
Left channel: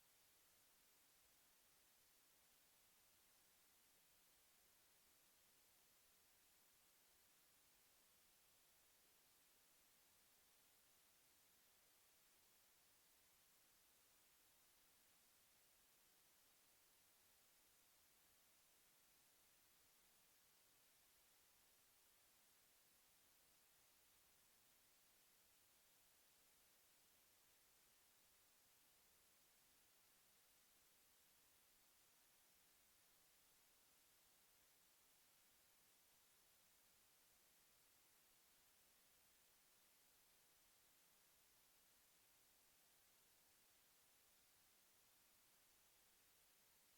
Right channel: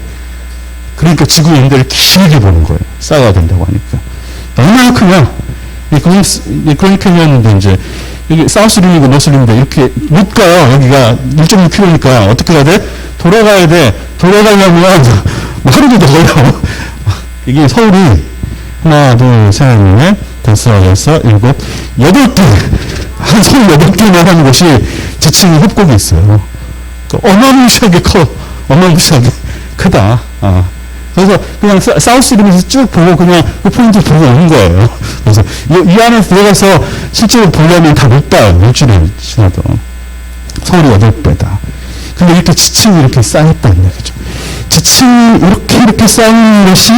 그러니까 지구 연대를 길게 보는 거예요. 쌓아야 된다고 하니까. 얼마나 크냐? 이 그런 캐니언인데 이제 여기 사우스림이고 노스림인데 이렇게 못 가요. 여기가 1.6km니까 어떻게 해야 돼? 돌아가야 돼. 돌아가려면 뭐 하루도 더 걸려. 이게 서울이 하나, 둘, 셋, 넷, 다섯, 여섯, 일곱, 8개. 한 서울 8개나 하는 곳이 지층이 협곡이 있어요. 어마무시하게 커. 어마무시하게 크다. 그래서 그냥 사우스림에서 쭉 보고 그냥 그 포인트 보고 오는 거예요. 그래서 이 안에 들어가서 실제로 보려면 다 못 봐요. 일주일 지나도. 서울이 8배다. 근데 이렇게 지층이 이렇게 쌓였다는 얘기죠. 지층이 이렇게 쌓이는 것이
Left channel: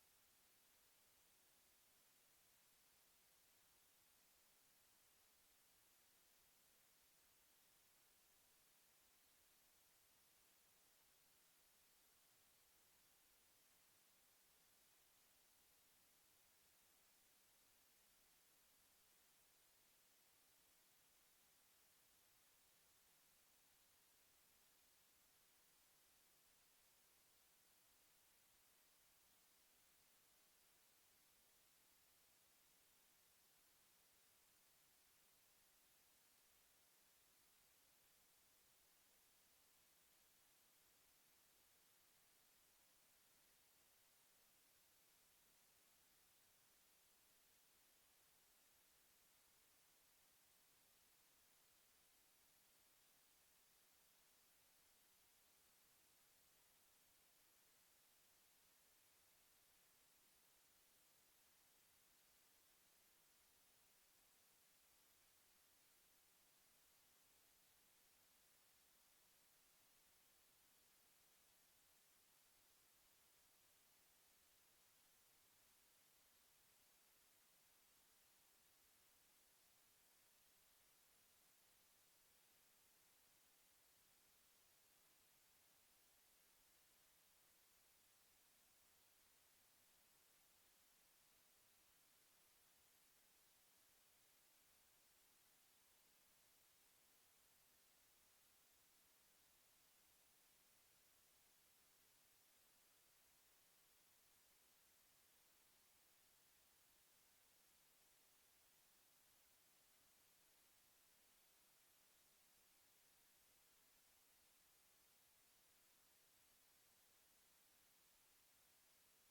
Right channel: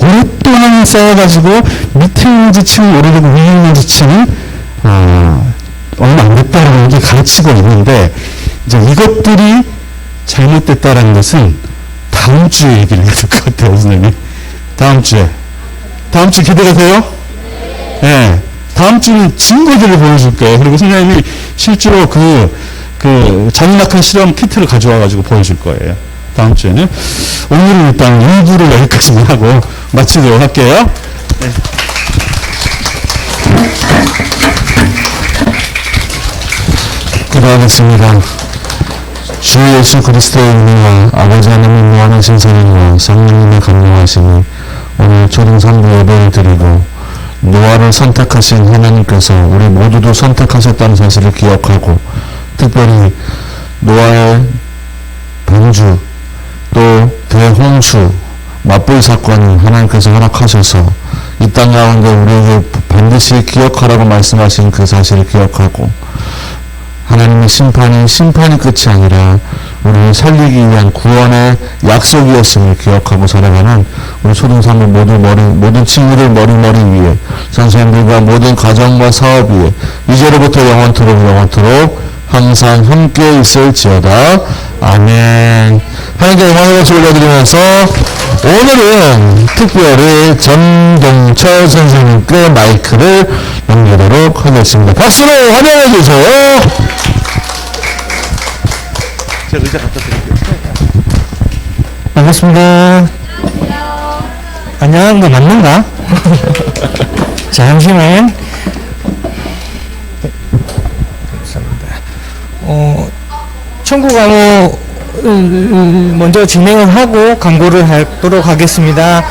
오랫동안 쌓여가지고 밑에 있는 지층이 오래되고 위에 있는 지층이 얼마 안 됐다라는 게 가르치고 있는데, 이제 이것들이 잘못됐다라는 것은 다음 주에 얘기를 해야 될 것 같아요, 선생님. 다음 주에 기대가 돼요? 네. 다음 주는 증거들을 보여줄 거예요. 그리고 선생님이 실제로 그 잔인악한 실험 키트를 가져와가지고 보여줄 거예요. 다음 주에는. 오늘은 일단 2부를 여기까지만 하고 마치도록 할게요. 네. 기도하겠습니다. 주 예수 그리스도의 은혜와 아버지 하나님의 무한하신 사랑과 성령님의 감동하심이 오늘 초등산부 예배를 드리고 노아를 선택하신 하나님께서 우리 모두도 선택하셨다는 사실을 기억하고, 특별히 노아의 방주 또 대홍수 맞불 사건을 하나님께서 허락하셔서 이 땅 가운데 우리에게 반드시 기억하라고 말씀하신 그 사실을 기억하고, 하나님의 심판이 끝이 아니라 우리를 살리기 위한 구원의 약속이었음을 기억하고 살아가는 우리 초등산부 모든 친구들 머리 위에, 선생님들과 모든 가정과 사업 위에 이제로부터 영원토록 항상 함께 있을지어다. 아멘. 하나님께 영광의 박수 올려드리면서 오늘은 특별히 전동철 선생님께 마이크를 넘기도록 하겠습니다. 박수로 환영해 주세요. 제가 의자 갖다 드릴게요. 반갑습니다. 안녕한 거 맞는가? 자, 잠시만. 청구 광고 먼저 진행을 하고 광고를 하도록 하겠습니다.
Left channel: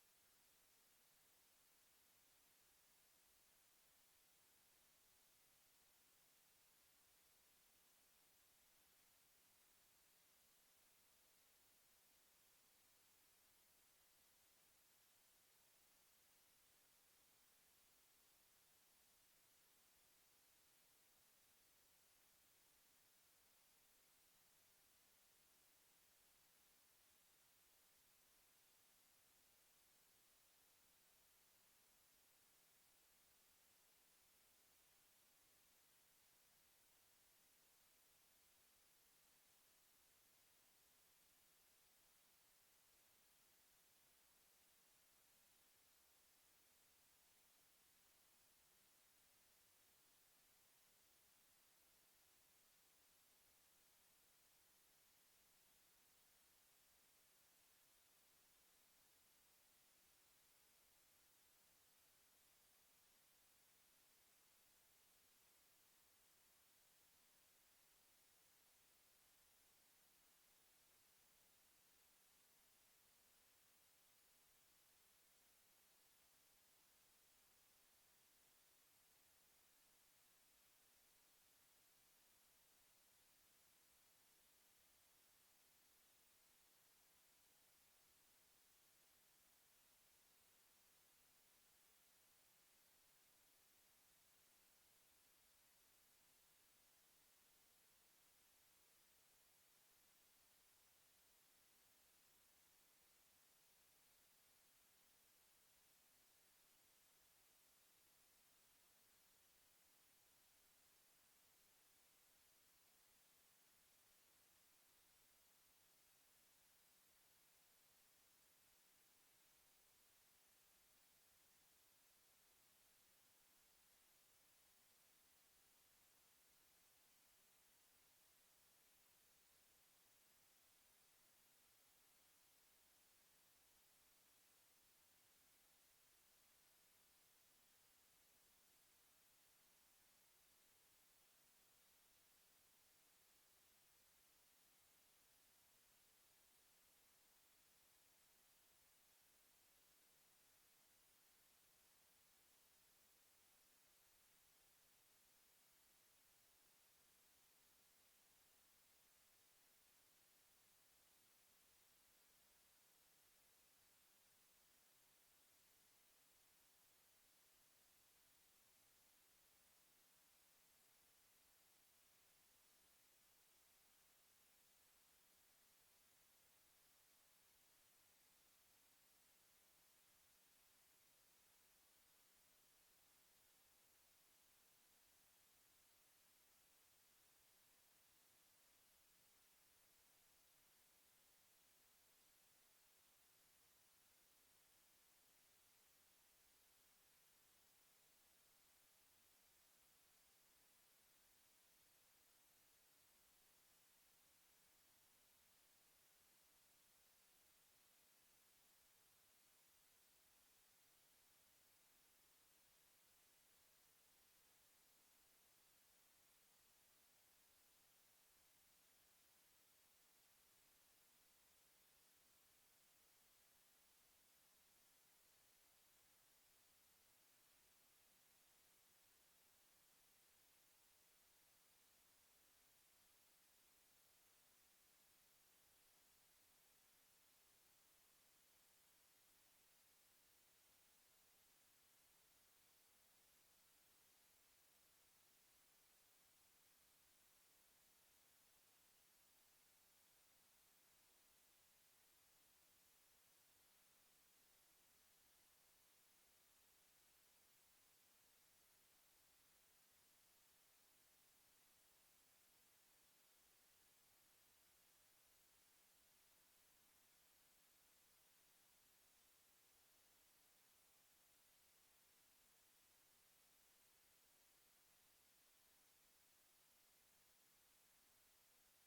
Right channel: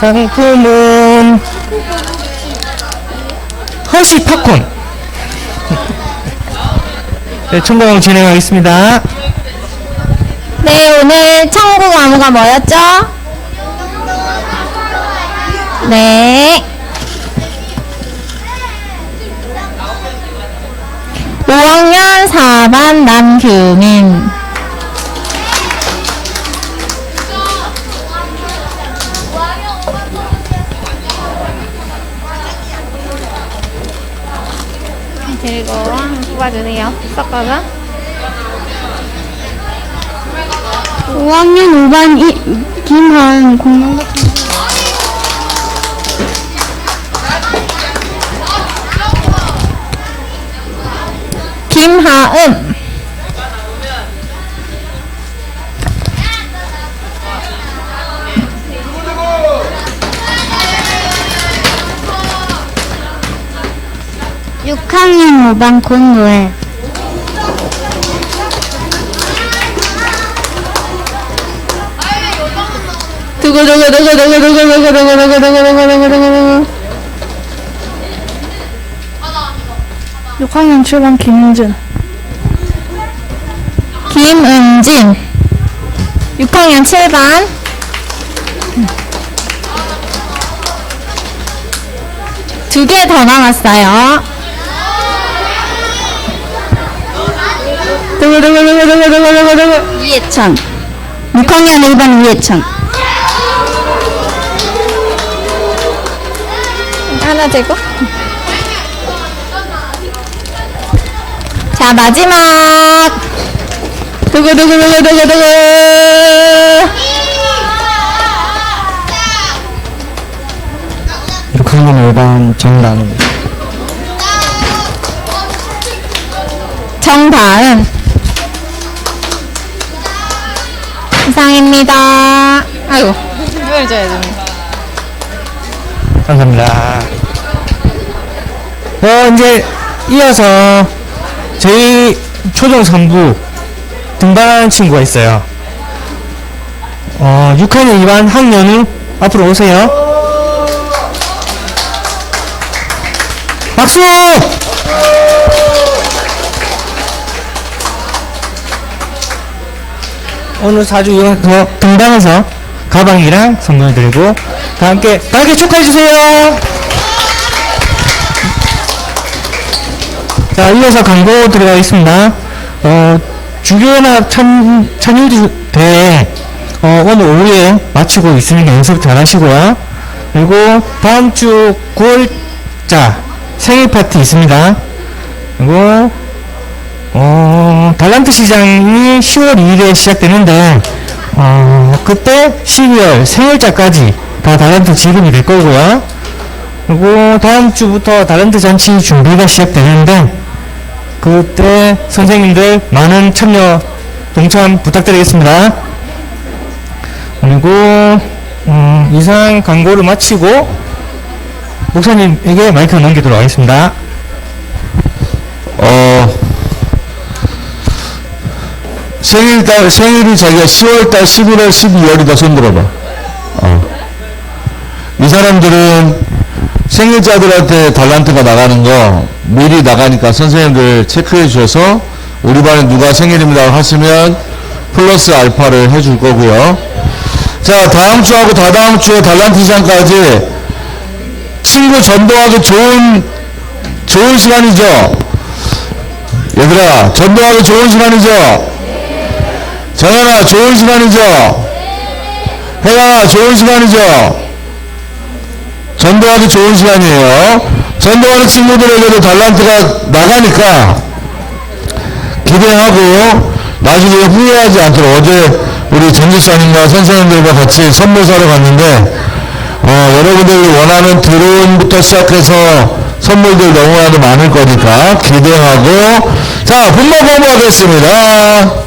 상품은 허쉬 팝콘. 네, 청구 광고 진행하겠습니다. 네, 오늘 천국 과목가 뭐였죠? 네. 5학년 4반 남규민. 그리고 뽑아주세요. 섞어서. 5학년 5반 김하은 공룡 김하은. 육 6학년 5반 권노애. 두구두구두구두구두구두구두구두구두구두구두구 6학년 7반 김은진. 김은진. 6학년 7반. 두 개 더 남았어요. 두구두구두구두구두구두구 이해찬. 6학년 1반 이해찬. 하나 재고. 자, 마지막. 두구두구두구두구두구. 6학년 5반 정다은. 정다은. 이상입니다. 아이고, 이걸 줘야 됩니다. 감사합니다. 이제 이어서 저희 초등 3부 등반하는 친구가 있어요. 6학년 2반 학년우 앞으로 오세요. 박수! 오늘 4주 이어서 등반해서 가방이랑 선물 드리고 다 함께 축하해주세요. 자, 이어서 광고 들어가겠습니다. 주교연합 찬율 대회 오늘 오후에 마치고 있으니까 연습 잘 하시고요. 그리고 다음 주 9월자 생일 파티 있습니다. 그리고 달란트 시장이 10월 2일에 시작되는데 그때 12월 생일자까지 다 달란트 지급이 될 거고요. 그리고 다음 주부터 달란트 잔치 준비가 시작되는데 그때 선생님들 많은 참여 동참 부탁드리겠습니다. 그리고 이상 광고를 마치고 목사님에게 마이크 넘기도록 하겠습니다. 생일이 자기가 10월달, 11월, 12월이다. 손 들어봐. 이 사람들은 생일자들한테 달란트가 나가는 거 미리 나가니까 선생님들 체크해 주셔서 우리 반에 누가 생일입니다 하시면 플러스 알파를 해줄 거고요. 자, 다음 주하고 다다음 주에 달란트 시장까지 친구 전도하기 좋은 시간이죠. 얘들아, 전도하기 좋은 시간이죠. 정현아, 좋은 시간이죠. 혜영아, 좋은 시간이죠. 전도하기 좋은 시간이에요. 전도하는 친구들에게도 달란트가 나가니까 기대하고 나중에 후회하지 않도록. 어제 우리 전지사님과 선생님들과 같이 선물 사러 갔는데 여러분들이 원하는 드론부터 시작해서 선물들 너무나도 많을 거니까 기대하고, 자, 분모 공부하겠습니다.